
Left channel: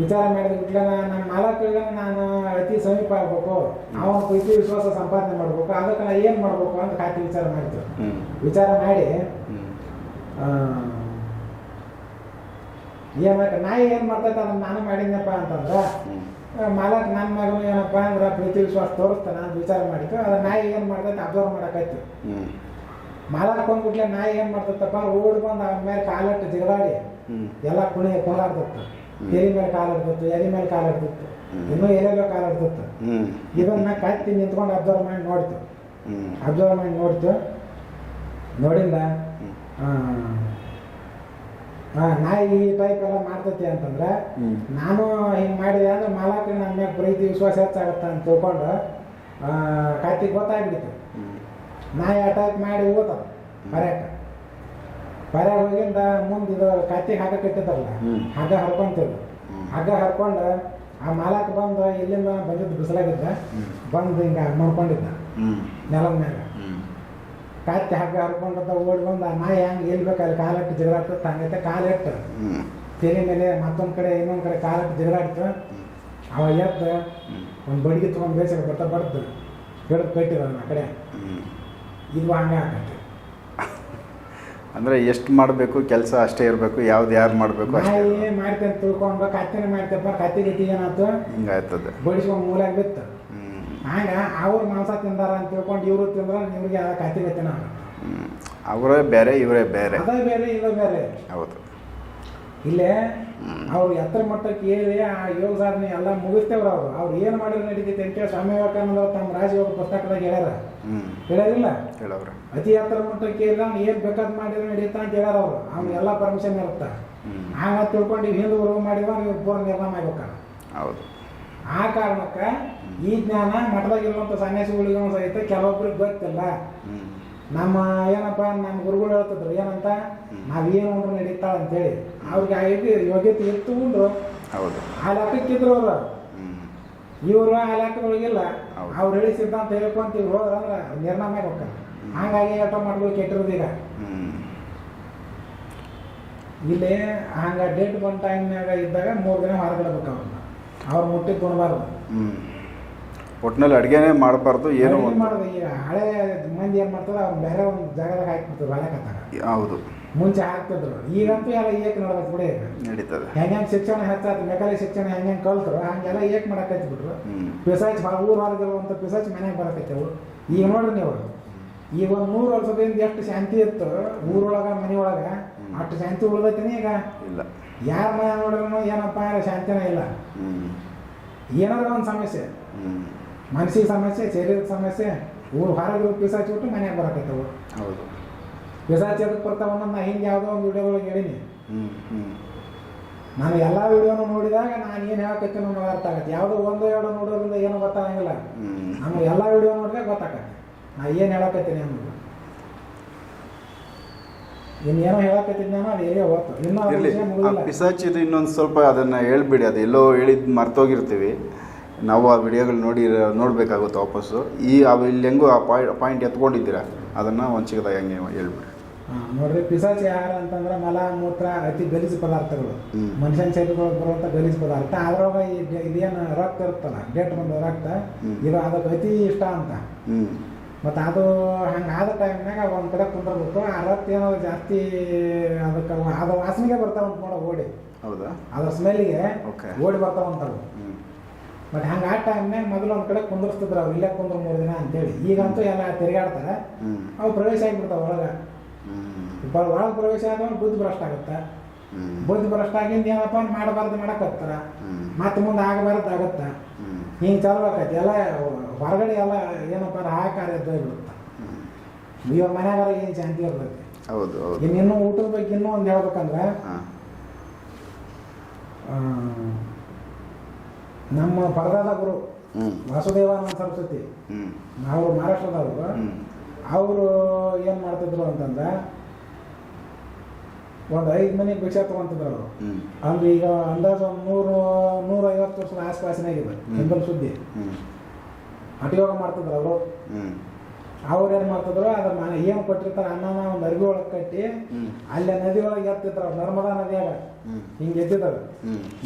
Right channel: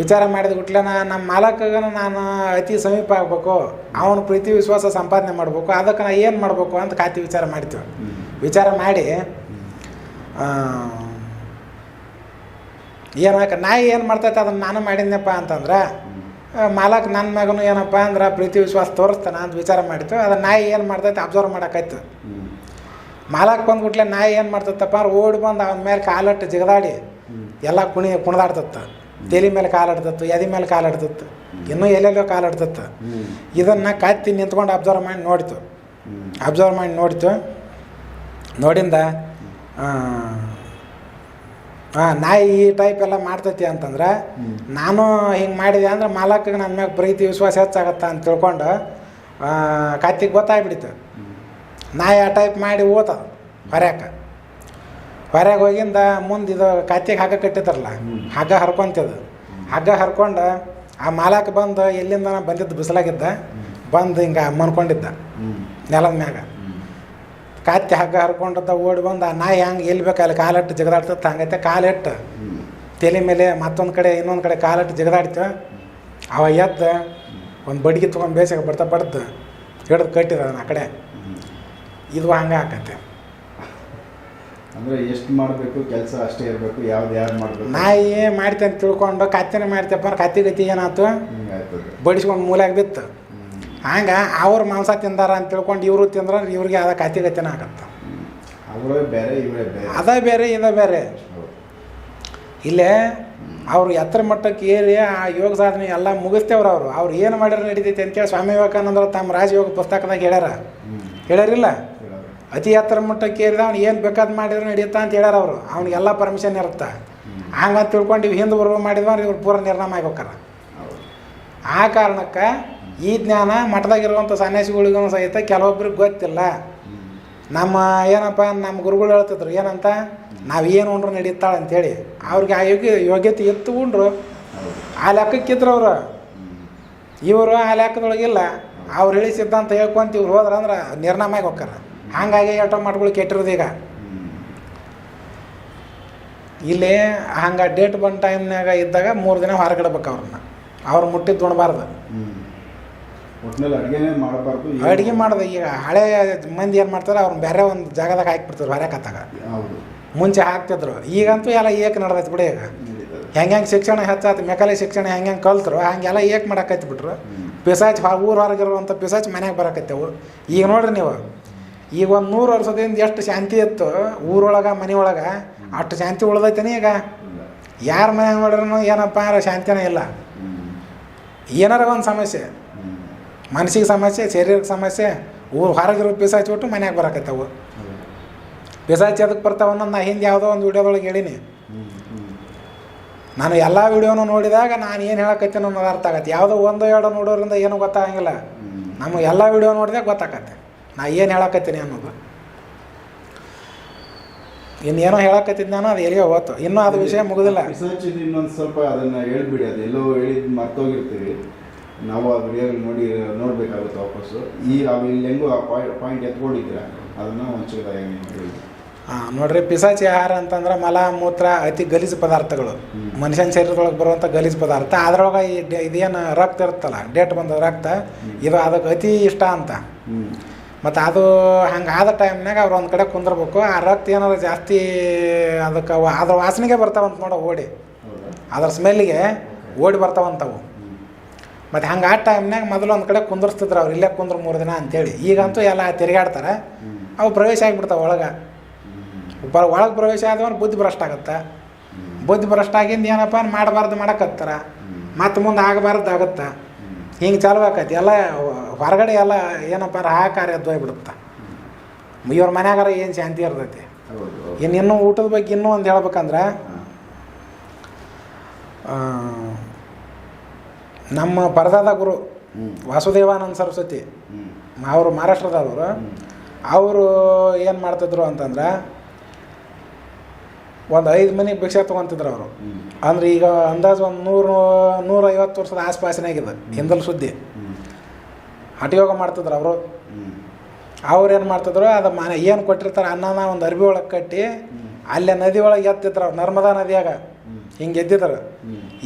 S2: ವಿಚಾರ ಮಾಡಿದ ಗುಟ್ಲೆ ನಮ್ಮ ಮಾಲಕ್ಕ ನಾನು ಅತಿ ಸಮೀಪ ಆಗ್ಬೇಕು ಅವನ ಪ್ರೀತಿ ವಿಶ್ವಾಸ ಸಂಪಾದನೆ ಮಾಡ್ಬೇಕು ಅದಕ್ಕೆ ನಾ ಏನು ಮಾಡ್ಬೇಕು ಅಂತ ಕಾತಿ ವಿಚಾರ ಮಾಡ್ತೀವಿ ವಿಚಾರ ಮಾಡಿ ಏನಕ್ಕೆ ನಾಯಿ ಏನು ಮಾಡ್ತೈತೆ ಅದನ್ನು ನಾನು ಮಾಡಿದ್ನಪ್ಪ ಅಂತಂದ್ರೆ ಮಾಲಕ್ ನನ್ನ ಮಗನು ಏನಪ್ಪ ಅಂದ್ರೆ ಪ್ರೀತಿ ವಿಶ್ವಾಸ ತೋರಿಸ್ತಾನ ಅಂತ ವಿಚಾರ ಮಾಡ್ತು ಅದು ನಾಯಿ ಏನು ಮಾಡ್ತೈತೆ ಅಬ್ಸರ್ವ್ ಮಾಡೋಕ್ಕಾಯ್ತು ಮಾಲಕ್ ಬಂದ್ಬಿಟ್ಲೆ ನಾಯಿ ಏನು ಮಾಡ್ತತ್ತಪ್ಪ ಅಂದ್ರೆ ಓಡಿ ಬಂದು ಅವನ ಮೇಲೆ ಕಾಲಿಟ್ಟು ಜಿಗದಾಡಿ ಎಲ್ಲ ಕುಣಿ ಕುಣದಾಡ್ತತ್ತ ತೇಲಿ ಮೇಲೆ ಕಾಲಾಡ್ತತ್ತು ಎದಿ ಮೇಲೆ ಕಾಲಾಡ್ತತ್ತು ಇನ್ನೂ ಎಲ್ಲೆಲ್ಲೋ ಕಾಲಾಡ್ತತ್ತು ಇದನ್ನು ಕತ್ತಿ ನಿಂತ್ಕೊಂಡು ಅಬ್ಸರ್ವ್ ಮಾಡಿ ನೋಡ್ತು ಅಬ್ಸರ್ವ್ ಮಾಡಿ ನೋಡ್ತು ನೋಡಿಂದ ಹಾಂ ನಾಯಿ ಈ ಟೈಪ್ ಎಲ್ಲ ಮಾಡ್ತೈತಿ ಅಂತಂದ್ರೆ ನಾನು ಹಿಂಗೆ ಮಾಡಿದೆ ಅಂದ್ರೆ ಮಾಲಕಗೆ ನನ್ನ ಮ್ಯಾಗ ಪ್ರೀತಿ ವಿಶ್ವಾಸ ಹೆಚ್ಚಾಗತ್ತ ಅಂತ ತಿಳ್ಕೊಂಡು ಕತ್ತಿಗೆ ಗೊತ್ತಾಗ್ಬಿಡಿತ ನಾಯಿ ಆ ಟೈಪ್ ಮಾಡಿ ಓದ ಹೊರ್ಯಾಕ ಹೊರ್ಯಾಗ ಹೋಗಿಂದ ಮುಂದೆ ಇದು ಕತ್ತಿಗೆ ಹಗ್ಗ ಕಟ್ಟಿದ್ರಲ್ಲ ಹಗ್ಗ ಹರ್ಕೊಂತಿದ್ದು ಹಗ್ಗ ಹರ್ಕೊಂಡು ಆ ಮಾಲಕ್ಕೆ ಬಂದು ಎಲ್ಲಿಂದ ಬಂದಿದ್ದು ಬಿಸಿಲಾಗಿದ್ದ ಬಂದು ಹಿಂಗೆ ಮನ್ಕೊಂಡಿದ್ದ ನೆಲದ ಮ್ಯಾಗ ಕತ್ತಿ ಹಗ್ಗ ಹರ್ಕೊಂಡ ಓಡಿ ಬಂದು ಆ ನಾಯಿ ಹೆಂಗೆ ಎಲ್ಲಿ ಬೇಕು ಅಲ್ಲಿ ಕಾಲಿಟ್ಟು ಜಗದಾಡ್ತದೆ ಹಂಗೈತೆ ಕಾಲಿಟ್ಟು ತಲೆ ಮೇಲೆ ಮತ್ತೊಂದು ಕಡೆ ಇನ್ನೊಂದು ಕಡೆ ಕಾಲಟ್ಟು ಜಗದಾಡ್ತು ಅವ ಎದ್ದ ಒಂದು ಬಡ್ಗಿ ತೊಗೊಂಡು ಬೇಸಿಗೆ ಬರ್ತಾ ಬಡ್ದು ಹಿಡಿದು ಕಟ್ಟಿದ ಅದನ್ನ ಆ ಕಡೆ ಇದು ಹಂಗೆ ಆಕತ್ತೆ
S1: ಅಂದರೆ ಎಷ್ಟು ಮಾಡಬೇಕು ಕೆಲಸ ಅಷ್ಟೇ ಇರಬೇಕು ಯಾವ್ದು ಯಾರು ಮಾಡಬೇಕು
S2: ನಾಯಿ ಮಾಡ್ತೇನೆ ತಿಳ್ಕೊಂಡು ಕತ್ತಿನ ಮಾಡ್ತೇಪ್ಪ ಕತ್ತಿ ಏನಾಯ್ತು ಹಿಂಗಾಯ್ತದೆ ಬಡಿಸ್ಕೊಂಡು ಮೂಲಾಗಿ ಬಿತ್ತು ಹಂಗೆ ಅವ್ರ ಮಾಂಸ ತಿಂದಾರ ಅಂತ ತಿಳ್ಕೊಂಡು ಇವರು ತಿಂದ್ರೆ ಇವ್ರಿಗೆ ಅದ ಕಾತಿಗತಿನ ಆಗತ್ತೆ
S1: ಅವರೇ ಬೇರೆ ಇವರೇ ಬೇರೆ
S2: ಅದ ಬೇರೆ ಇದ ಬೇರೆ ಹೌದು ಇಲ್ಲೇ ಅವ್ರು ಎತ್ತರ ಮಟ್ಟಕ್ಕೆ ಏರಿ ಆ ಯೋಗ ಸಾಧನೆ ಎಲ್ಲ ಮುಗಿಸ್ತೇವ್ರ ಅವರು ಅವ್ರು ಏನು ಮಾಡಿದ್ರು ನಡೀತೈತಿ ಅಂತೇಳಿ ಸ್ವಾಮಿ ವಿವೇಕಾನಂದರು ತಮ್ಮ ರಾಜಯೋಗ ಪುಸ್ತಕದಾಗ ಹೇಳ್ಯಾರ ಹೇಳ್ಯಾರಿಲ್ಲ ಅತಿ ಎತ್ತರ ಮಟ್ಟಕ್ಕೆ ಏರಿದ ಅವ್ನು ಏನು ಬೇಕಾದ್ ಮಾಡಿದ್ರು ನಡೀತಾ ಅಂತ ಹೇಳ್ಯಾರ ಅವರು ಅವ್ನಿಗೆಲ್ಲ ಪರ್ಮಿಷನ್ ಇರುತ್ತೆ ಹಂಗಂತ ತಿಳ್ಕೊಂಡು ಇವು ಹಿಂದೆ ಬರುವ ಮಾಡಿದ್ವ ಇವ್ರು ಪೂರ ನಿರ್ಣಯ ಆಗ್ಬೇಕಾರ ಹೌದು ಆ ಕಾರಣಕ್ಕೆ ಈ ಜ್ಞಾನ ಮಠದಾಗಿರುವಂಥ ಸನ್ಯಾಸಿಗಳಿಗೂ ಸಹಿತ ಕೆಲವೊಬ್ಬರಿಗೆ ಗೊತ್ತಿಲ್ಲ ನಮ್ಮ ಏನಪ್ಪ ನಮ್ಮ ಗುರುಗಳು ಹೇಳ್ತಿದ್ರು ಏನಂತ ನಾವೇನು ಉಂಡ್ರು ನಡೀತಾಳೆ ಅಂತೇಳಿ ಅವ್ರಿಗೆ ಆ ಯೋಗ್ಯ ಯೋಗ್ಯತೆ ಇತ್ತು ಉಂಡ್ರು ಆ ಲೆಕ್ಕಕ್ಕಿದ್ರು ಅವರು ಇವರು ಆ ಲೆಕ್ಕದೊಳಗಿಲ್ಲ ಅವ್ರು ಹೇಳಿ ಅಂತ ಹೇಳ್ಕೊಂತ ಇವ್ರು ಹೋದ್ರ ಅಂದ್ರೆ ನಿರ್ನಾಮಾಗಿ ಹೋಗ್ತಾರೆ ಹಂಗಾಗಿ ಆಟೋ ಮಾಡ್ಗಳು ಕೆಟ್ಟಿರೋದು ಈಗ ಇಲ್ಲಿ ಹಂಗೆ ಡೇಟ್ ಬಂದ ಟೈಮ್ನಾಗ ಇದ್ದಾಗ ಮೂರು ದಿನ ಹೊರಗಿಡ್ಬೇಕು ಅವ್ರನ್ನ ಅವ್ರು ಮುಟ್ಟಿದ್ದು ಉಣಬಾರ್ದು
S1: ಒಟ್ಟಿನಲ್ಲಿ ಅಡುಗೆನೇ ಮಾಡಬಾರ್ದು
S2: ಅಡುಗೆ ಮಾಡಿದೆ ಈಗ ಹಳೆ ಮಂದಿ ಏನು ಮಾಡ್ತಾರೆ ಅವ್ರನ್ನ ಬೇರೆ ಒಂದು ಜಾಗದಾಗ ಹಾಕಿಬಿಡ್ತಾರೆ ಬೇರೆ ಕತ್ತಾಗ ಹೌದು ಮುಂಚೆ ಹಾಕ್ತಿದ್ರು ಈಗಂತೂ ಎಲ್ಲ ಏಕೆ ನಡ್ದೈತೆ ಬಿಡಿ ಈಗ ಹೆಂಗೆ ಹೆಂಗೆ ಶಿಕ್ಷಣ ಹೆಚ್ಚಾಯ್ತು ಮೆಕಾಲಿ ಶಿಕ್ಷಣ ಹೆಂಗೆ ಹೆಂಗೆ ಕಲ್ತರು ಹಂಗೆಲ್ಲ ಏಕೆ ಮಾಡಕ್ಕೈತಿ ಬಿಟ್ರು ಪಿಸಾಚ್ ಊರು ಹೊರಗಿರುವಂಥ ಪಿಸಾಚ್ ಮನೆಗೆ ಬರಕತ್ತೇವು ಈಗ ನೋಡ್ರಿ ನೀವು ಈಗ ಒಂದು ನೂರು ವರ್ಷದಿಂದ ಎಷ್ಟು ಶಾಂತಿ ಇತ್ತು ಊರೊಳಗೆ ಮನೆಯೊಳಗೆ ಅಷ್ಟು ಶಾಂತಿ ಉಳ್ದೈತೇನೆ ಈಗ ಯಾರ ಮನೆ ನೋಡ್ರೂ ಏನಪ್ಪ ಯಾರು ಶಾಂತಿನೇ ಇಲ್ಲ ಏನಾರ ಒಂದು ಸಮಸ್ಯೆ ಮನಸ್ಸಿಗೆ ಸಮಸ್ಯೆ ಶರೀರಕ್ಕೆ ಸಮಸ್ಯೆ ಊರು ಹೊರಗಿರೋ ಪಿಸಾಚ್ಬಿಟ್ಟು ಮನೆಯಾಗ ಬರಕತ್ತವು ಹೌದು ಪಿಸಾಚಿ ಅದಕ್ಕೆ ಬರ್ತಾವ ಒಂದೊಂದು ನಾ ಹಿಂಗೆ ಯಾವುದೋ ಒಂದು ವೀಡಿಯೋದೊಳಗೆ ಹೇಳಿನಿ ನಾನು ಎಲ್ಲ ವೀಡಿಯೋನು ನೋಡಿದಾಗ ನಾನು ಏನು ಹೇಳಕತ್ತೀನಿ ಅನ್ನೋದು ಅರ್ಥ ಆಗತ್ತೆ ಯಾವುದೋ ಒಂದು ಎರಡು ನೋಡೋರಿಂದ ಏನೂ ಗೊತ್ತಾಗಂಗಿಲ್ಲ ನಮಗೆ ಎಲ್ಲ ವಿಡಿಯೋ ನೋಡಿದಾಗ ಗೊತ್ತಾಗತ್ತೆ ನಾ ಏನು ಹೇಳಕತ್ತೀನಿ ಅನ್ನೋದು ಇನ್ನೇನೋ ಹೇಳಕತ್ತಿದ್ ನಾನು ಅದು ಎಲ್ಲಿಗೆ ಹೋತು ಇನ್ನೂ ಅದು ವಿಷಯ ಮುಗಿದಿಲ್ಲ
S1: ಇನ್ನೊಂದು ಸ್ವಲ್ಪ ಅದನ್ನು ಹೇಳ್ಬಿಡಿ ಅದು ಎಲ್ಲೋ ಹೇಳಿದ್ ಮರ್ತೋಗಿರ್ತೀವಿ ನಾವು ಆ ವಿಡಿಯೋಗಳು ನೋಡಿ ನೋಡಬೇಕಾಗುತ್ತೆ ವಾಪಸ್ಸು ಈ ಇಲ್ಲಿ ಹೆಂಗೂ ಆ ಪಾಯಿಂಟ್ ಪಾಯಿಂಟ್ ಎತ್ಕೊಂಡಿದ್ದೀರ ಅದನ್ನು ಒಂದು ಚಿಕ್ಕದಾಗಿ ಹಂಗೆ ಹೇಳ್ಬಿಡಿ
S2: ಹಾಂ ನೋಡ್ರಿ ಪಿಸಾಚಿ ಆಹಾರ ಅಂತಂದ್ರೆ ಮಲ ಮೂತ್ರ ಅತಿ ಗಲೀಜು ಪದಾರ್ಥಗಳು ಮನುಷ್ಯನ ಶರೀರದೊಳಗೆ ಬರುವಂಥ ಗಲೀಜು ಪದಾರ್ಥ ಅದ್ರೊಳಗೆ ಈ ಇದೇನು ರಕ್ತ ಇರುತ್ತಲ್ಲ ಡೇಟ್ ಬಂದ ರಕ್ತ ಇದು ಅದಕ್ಕೆ ಅತಿ ಇಷ್ಟ ಅಂತ ಮತ್ತು ಅದು ಹಂಗೆ ಆದ ಟೈಮ್ನಾಗ ಅವ್ರು ಒಂದು ಕಡೆ ಕುಂದಿರ್ಬೇಕು ಆ ರಕ್ತ ಏನಾದ್ರು ಜಾಸ್ತಿ ಅದಕ್ಕೆ ಅದ್ರ ವಾಸನೆಗೆ ಬರ್ತಾವಂತ ನೋಡೋ ಓಡಿ ಅದ್ರ ಸ್ಮೆಲ್ಲಿಗೆ ಓಡಿ ಬರ್ತಾವಂತವು ಮತ್ತು ಹಂಗೆ ಆ ಟೈಮ್ನಾಗ ಮೊದಲು ಒಂದು ಕಡೆ ಕುಂದರ್ಸ್ತಿದ್ರು ಅವ್ರು ಇಲ್ಲೇ ಕುಂದ್ರ ಮೂರು ದಿನ ಅಂತೇಳಿ ಈಗಂತೂ ಎಲ್ಲ ತಿರುಗಾಡ್ತಾರೆ ಅವು ಪ್ರವೇಶ ಆಗಿಬಿಡ್ತಾವೆ ಒಳಗೆ ಬ ಒಳಗೆ ಪ್ರವೇಶ ಆದವನು ಬುದ್ಧಿ ಭ್ರಷ್ಟ ಆಗುತ್ತೆ ಬುದ್ಧಿ ಭ್ರಷ್ಟ ಆಗಿಂದ ಏನಪ್ಪ ಮಾಡಬಾರ್ದು ಮಾಡಕತ್ತಾರ ಮತ್ತೆ ಮುಂದೆ ಆಗಬಾರ್ದು ಆಗುತ್ತೆ ಹಿಂಗೆ ಚಾಲು ಎಲ್ಲ ಹೊರಗಡೆ ಎಲ್ಲ ಏನಪ್ಪ ಕಾರ್ಯ ಎದ್ದೋಗ್ಬಿಡುತ್ತೆ ಇವ್ರ ಮನ್ಯಾಗಾರ ಏನು ಶಾಂತಿ ಇರ್ತೈತಿ ಇನ್ನು ಇನ್ನೂ ಊಟದ ಬಗ್ಗೆ ಇನ್ನೂ ಒಂದು ಹೇಳ್ಬೇಕಂದ್ರೆ ನಮ್ಮ ಪರದಾದ ಗುರು ವಾಸುದೇವಾನಂದ ಸರಸ್ವತಿ ಅವರು ಮಹಾರಾಷ್ಟ್ರದವರು ಅವರು ಏನು ಮಾಡ್ತಿದ್ರು ಅಂತಂದ್ರೆ ಒಂದು ಐದು ಮನೆ ಭಿಕ್ಷೆ ತೊಗೊತಿದ್ರು ಅವರು ಅಂದ್ರೆ ಈಗ ಅಂದಾಜು ಒಂದು ನೂರು ನೂರೈವತ್ತು ವರ್ಷದ ಆಸ್ಪಾಸಿನಾಗಿದೆ ಹಿಂದಲ್ ಸುದ್ದಿ ಹಠಯೋಗ ಮಾಡ್ತಿದ್ರು ಅವರು ಅವ್ರು ಏನು ಮಾಡ್ತಿದ್ರು ಅದು ಮನೆ ಏನು ಕೊಟ್ಟಿರ್ತಾರೆ ಅನ್ನನ ಒಂದು ಅರ್ಬಿ ಒಳಗೆ ಕಟ್ಟಿ ಅಲ್ಲೇ ನದಿ ಒಳಗೆ ಎತ್ತಿದ್ರು ನರ್ಮದಾ ನದಿಯಾಗ ಹಿಂಗೆ ಎದ್ದಿದ್ದಾರೆ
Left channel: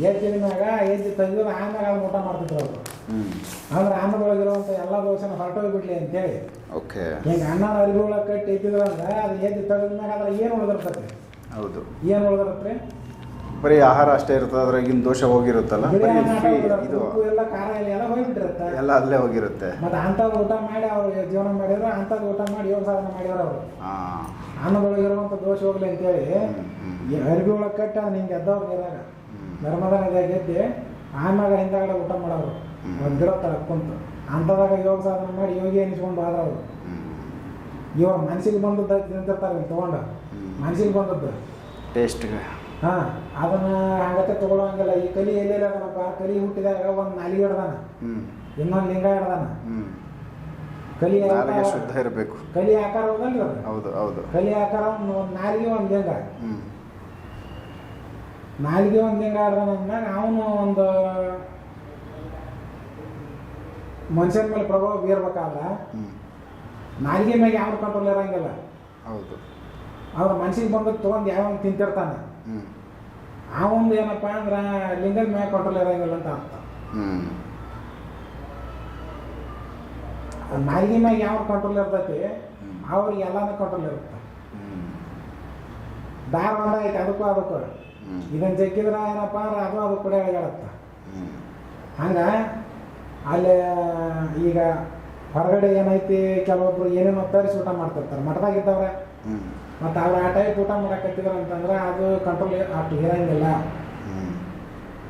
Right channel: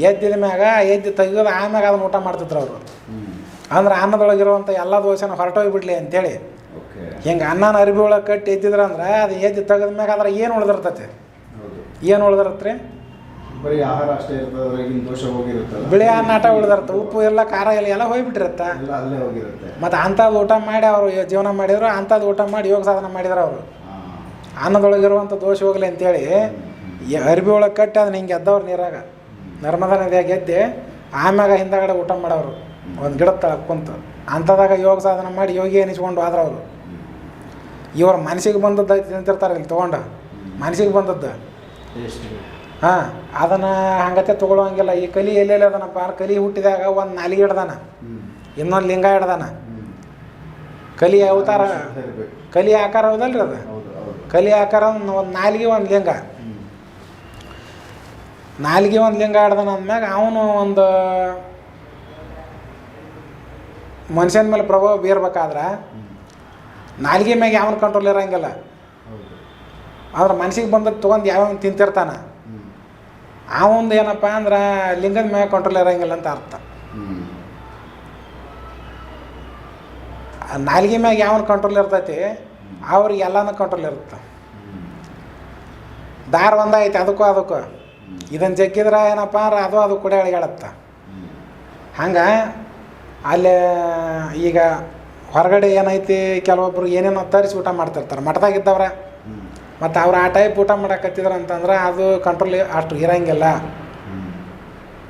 S2: ಎದ್ದಿದ ಮ್ಯಾಗ ಎದ್ದು ತೆಗೆದು ಆಮ್ಯಾಗ ಅದನ್ನ ಊಟ ಮಾಡ್ತಿದ್ರು ಅವರು ಅಂದ್ರೆ ಅನ್ನದೊಳಗಿರುವಂಥ ಎಲ್ಲ ದೋಸೆನ ಹೊರಟೋಗ್ಬಿಡ್ಲಿ ಅಂತೇಳಿ ಓಕೆ ಹಿಂಗೆ ಅನ್ನನ ಅರಿಬಿ ಒಳಗೆ ಕಟ್ಟಿ ಎದ್ದಿದ್ರ ಅಂದ್ರೆ ಅದು ಎದ್ದು ತೆಗೆದ ಮ್ಯಾಗ ಅಂದ್ರೆ ಏನು ಉಳಿದಿರ್ತೈತೆ ಹೌದು ಏನು ಉಳಿದಿರತ್ತೆ
S1: ಬರೀ ಆಹಾರ ಅಷ್ಟೇ ಇರ್ತದೆ ದೋಷ ಹೋಗಿರುತ್ತಲ್ಲ
S2: ಬಿಳಿ ಅನ್ನ ಆಟ ಉಳಿದಿರುತ್ತೆ ಉಪ್ಪು ಎಲ್ಲ ಖಾರ ಎಲ್ಲ ಎಲ್ಲ ಹೋಗ್ಬಿಟ್ಟಿರುತ್ತೆ
S1: ಎಲ್ಲ ಅಲ್ಲೇ ಹೋಗಿರುತ್ತೆ
S2: ಮತ್ತು ಅಂಥದ್ದು ಊಟ ಮಾಡಿ ಅವರು ಜೀವನ ಮಾಡಿದ್ರು ಅಂಥದ್ದು ಊಟ ಮಾಡಿ ಯೋಗ ಸಾಧನೆ ಮಾಡಿದ್ರು ಅವರು ಅನ್ನದೊಳಗಿರುವಂಥ ದೋಷ ಹೋಗ್ಲಿ ಅಂತೇಳಿ ಅರ್ಬಿ ಒಳಗೆ ಕಟ್ಟಿ ಅದನ್ನ ಹಿಂಗೆ ಎದ್ದವ್ರು ನೀರಾಗ ನರ್ಮದಾ ನದಿಯಾಗ ಎದ್ದೆ ಆಮ್ಯಾಗ ಹಿಂದಗಡೆ ಊಟ ಮಾಡೋರು ಒಂದು ಗಿಡ ತಳಕ್ಕಂತ ಅಂಥದಾಗ ಯೋಗ ಸಾಧನೆ ಮಾಡಿ ಯೋಗಿ ಎನಿಸ್ಕೊಂಡು ಆದ್ರೆ ಅವರು ಇವ್ರ ಮನಸ್ಸಿಗೆ ಬಂದದ್ದು ತಿಂತಿರ್ತಾರೆ ಇಲ್ಲಿ ತೊಗೊಂಡು ಮನಸ್ಸಿಗೆ ಬಂದದ್ದು ಟೇಸ್ಟ್ ಹಾಂ ಅದನ್ನು ಹಂಗತೆ ತೊಗೊಳೋಂಗಿಲ್ಲ ಈ ಕಲಿ ಎಲ್ಲೆಲ್ಲಿ ಅದನಪ್ಪ ಕಲಿ ಹುಟ್ಟಿದಾಗ ಒಂದು ನಾಲಿಗೆ ಹಿಡ್ದಾನ ಇನ್ನೊಂದು ಲಿಂಗ ಹಿಡ್ದಾನ ಕಲಿ ಅವತಾರ ಇರಬೇಕು ಕಲಿ ಆಕಾರ ಹೌದಲ್ರಿ ಅದು ಹೌದು ಹೌದು ಕಲಿ ಆಕಾರ ಒಂದು ನಾಲಿಗೆ ಒಂದು ಲಿಂಗ ನಾಲಿಗೆ ಒಂದು ಲಿಂಗ ಆಡ್ದಾನ ಅಂದ್ಮ್ಯಾಗ ಅವನು ಒಂದು ಮನುಷ್ಯನ ಮೇಲೆ ಪ್ರಭಾವ ಬೀರ್ಬೇಕಾದ್ರೆ ನಾಲಿಗೆ ಮ್ಯಾಗ ಯಾವನ ಕಂಟ್ರೋಲ್ ಇರಂಗಿಲ್ಲ ಆದ್ರೆ ಮನ್ಸಿಗೆ ಬಂದ ತೊಗೊಂಡು ಯಾವ ತಿಂತಿರ್ತಾನ ಆ ಒಂದು ಏನಪ್ಪ ಅಂದ್ರೆ ಲಿಂಗದ ಮ್ಯಾಗ ಕಂಟ್ರೋಲ್ ಇರಂಗಿಲ್ಲ ಅಂತ ಅರ್ಥ ನಾಲಿಗೆ ಮ್ಯಾಗ ಯಾವ ಕಂಟ್ರೋಲ್ ಇರ್ತೈತಿ ಅವ್ರಿಗೆ ಎಲ್ಲಾನು ಕಂಟ್ರೋಲ್ ಇರುತ್ತೆ ದಾರ ಒಂದೈತಿ ಅದಕ್ಕೂ ಅದಕ್ಕೂ ಇದನ್ನು ಜಗ್ಗಿದ್ರೆ ಏನಪ್ಪ ಅಂದ್ರೆ ಅದು ಅದು ಕೂಡ ಅಳಿಗಾಡತ್ತ ಹಂಗೆ ಅಲ್ಲಿ ಈಗ ಹೊರಗಡೆ ಏನೈತಿ ಕೆಲವೊಬ್ರು ಏನೇನು ತರಿಸಿ ಊಟ ಮಾಡ್ತಿರ್ತಾರೆ ಮಠದಾಗಿದ್ದವ್ರ ಮತ್ತು ಅವ್ರು ಆ ಟೈಪ್ ಊಟ ಮಾಡಕತ್ತಿದ್ರು ಅಂತಂದ್ರೆ ಅದು ಕಂಟ್ರೋಲ್ ಅಷ್ಟು ಇರೋಂಗಿಲ್ಲ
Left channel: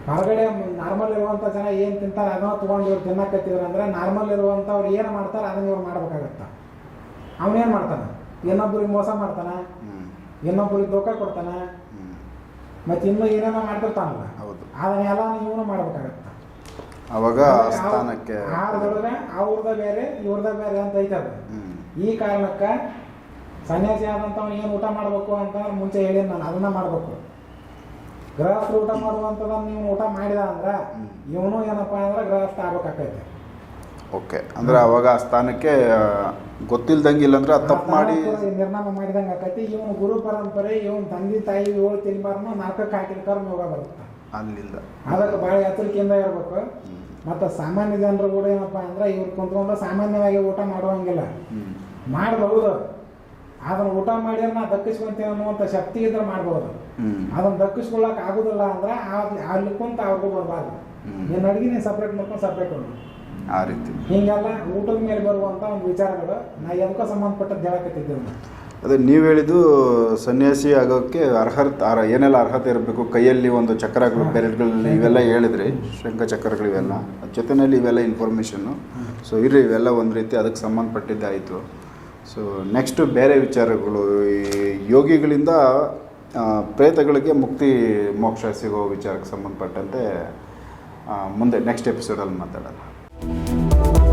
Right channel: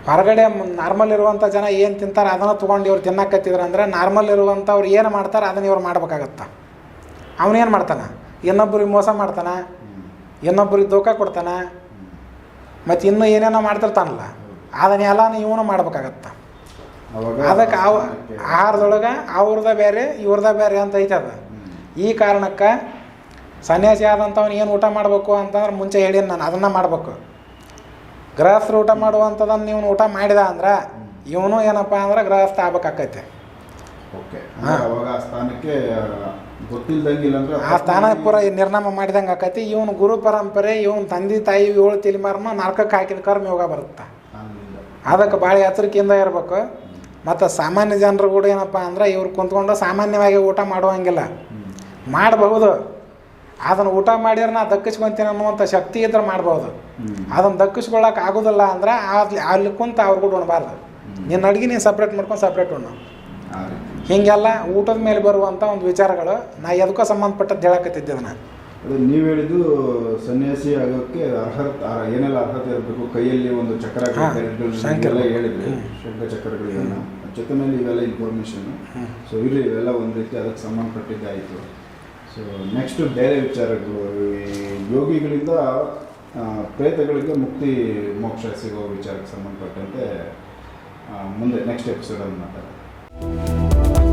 S2: ಹೊರಗಡೆ ನಾರ್ಮಲ್ ಇರುವಂಥ ಜನ ಏನು ತಿಂತಾರೆ ಅದನ್ನು ತೊಗೊಂಡು ಇವ್ರು ತಿನ್ನಕತ್ತಿದ್ರು ಅಂದ್ರೆ ನಾರ್ಮಲ್ ಇರುವಂಥವ್ರು ಏನು ಮಾಡ್ತಾರೆ ಅದನ್ನ ಇವ್ರು ಮಾಡ್ಬೇಕಾಗತ್ತೆ ಅವನೇನು ಮಾಡ್ತಾನೆ ಇನ್ನೊಬ್ರಿಗೆ ಮೋಸ ಮಾಡ್ತಾನೆ ಇನ್ನೊಬ್ಬರಿಗೆ ದೋಖ ಕೊಡ್ತಾನೆ ಮತ್ತೆ ಇನ್ನೂ ಏನೇನೋ ಮಾಡ್ತಿರ್ತಾನಲ್ಲ ಅದನ್ನೆಲ್ಲ ಇವನು ಮಾಡ್ಬೇಕಾಗತ್ತ ಅವಾಗ ಅದಕ್ಕೆ ಅವ ಆಹಾರದೊಳಗೆ ಅವ್ರದ ಬೇರೆ ಇವ್ರದ ಬೇರೆ ಅಂತ ಐತೆ ಅದು ಈ ಕಾರಣಕ್ಕೆ ಸನ್ಯಾಸಿ ಆದಂಥವ್ನು ಏನು ಊಟ ಮಾಡಬೇಕು ಅಂತಂದ್ರೆ ಮುಂಚೆ ಹೇಳೀನಿ ನಾನು ಅದನ್ನ ಮಾಡಬೇಕು ಗೃಹಸ್ಥರು ಊಟ ಮಾಡುವಂಥದ್ದನ್ನು ನೀವು ಊಟ ಮಾಡಿದ ಅಂದ್ರೆ ಇವನು ಏನಪ್ಪ ಅಂದ್ರೆ ಗೃಹಸ್ಥ ಆಗ್ಬೇಕಾಕೈತೆ
S1: ಓಕೆ ಅಂದ್ರೆ ಅವಾಗ ಆ ಸ್ಥಾನಕ್ಕೆ ಗೊತ್ತಿಲ್ದಂಗಿಲ್ಲ ಅಂದ್ರೆ
S2: ಆ ನಿರ್ನಾಮ ಮಾಡಿದಂಗೆ ಆಕೈತಿ ಇವನು ಗುರು ಪರಂಪರೆ ಇವನ್ ತಂದೆ ತಾಯಿ ಏಳು ತಿಲಿಮಾರನ ನಾಲ್ಕಕ್ಕೆ ಹಾಕಿದ ಕರ್ಮ ಯೋಗ ಬರುತ್ತೆ ಅಲ್ಲಿಂದ ಅದಕ್ಕೆ ಭಾಳ ಎಚ್ಚರಿಕೆಯಿಂದ ಇರ್ಬೇಕು ಮತ್ತು ಸಾಮಾನ್ಯ ಜನರು ಕೂಡ ಏನಪ್ಪ ಅಂದ್ರೆ ಇವ್ರು ಕುಂತ್ಕೊಂಡು ಸಾಮಾನ್ಯವಾಗಿ ಊಟ ಮಾಡುವಂಗಿಲ್ಲ ಮಾಡಬಹುದು ಅದನ್ನ ಊಟ ಮಾಡಿದ್ರೆ ನಾ ದಕ್ಕಿಸ್ಕೊಂತೀನಿ ಅನ್ನುವಂಥ ಶಕ್ತಿ ಇದ್ರೆ ಮಾಡ್ಬೋದು ಅದನ್ನ ದಕ್ಕಿಸ್ಕೊಳ್ಳೋಕೆ ಆಗೋದಿಲ್ಲ ಅಂದ್ರೆ ಅಲ್ಲಿ ಕುಂತ ಅವ್ರು ಕೂಡ ಉಣಬಾರ್ದು ನಿನ್ನ ಅಡುಗೆ ನೀನು ಸಪ್ರೇಟ್ ಮಾಡ್ಕೊಂಡು ಸಪ್ರೇಟ್ ಉಣ್ಣು ಆ ರೀತಿ ಹೀಗೆಲ್ಲ ಊಟದ ಮೇಲೆ ಬರುವಂಥ ಒಂದು ವಿಚಾರಗಳು ನಾ ಎದಕ್ಕೋ ಸಂಬಂಧಪಟ್ಟದ್ದು ಹೇಳಕತ್ತಿದ್ದೆ ಅದನ್ನು
S1: ಅದೇ ನೀವು ಹೇಳಿದ್ದು ಸನ್ಯಾಸಿ ಆಗೋಕ್ಕೆ ಅರ್ಹತೆ ಅರ್ಹ- ಏನೆಲ್ಲ ಅರ್ಹತೆ ಇರಬೇಕು ಕೈಯಲ್ಲಿ ಒಂದು ಚಕ್ರಗಳು ಇವೆಲ್ಲ ಹೇಳಿದ್ರಿ ಶಂಖ ಚಕ್ರಗಳು ಇವೆಲ್ಲ ಜೊತೆನಲ್ಲಿ ಇವೆಲ್ಲ ಇನ್ಫಾರ್ಮೇಷನ್ನು ಸೊ ಇರ್ರಿ ಇವೆಲ್ಲ ಒಂದು ರೀತಿ ಅದಕ್ಕೆ ಸಂಬಂಧಪಟ್ಟಿದ್ದಾಯಿತು ಸೊ ನೆಕ್ಸ್ಟು ಬೇರೆ ವಿಚಾರಗಳು ಈ ಯೋಗಿಗಳಿಂದ ಪ್ರೇತಗಳಿಗೆ ಮುಕ್ತಿ ಮೋಕ್ಷ ಸಿಗೋ ವಿಚಾರಕ್ಕೆ ಸಂಬಂಧಪಟ್ಟಂತೆ ಮುಂದೆ ನೆಕ್ಸ್ಟ್ ಎಪಿಸೋಡಲ್ಲಿ ಮಾತಾಡೋಣ Música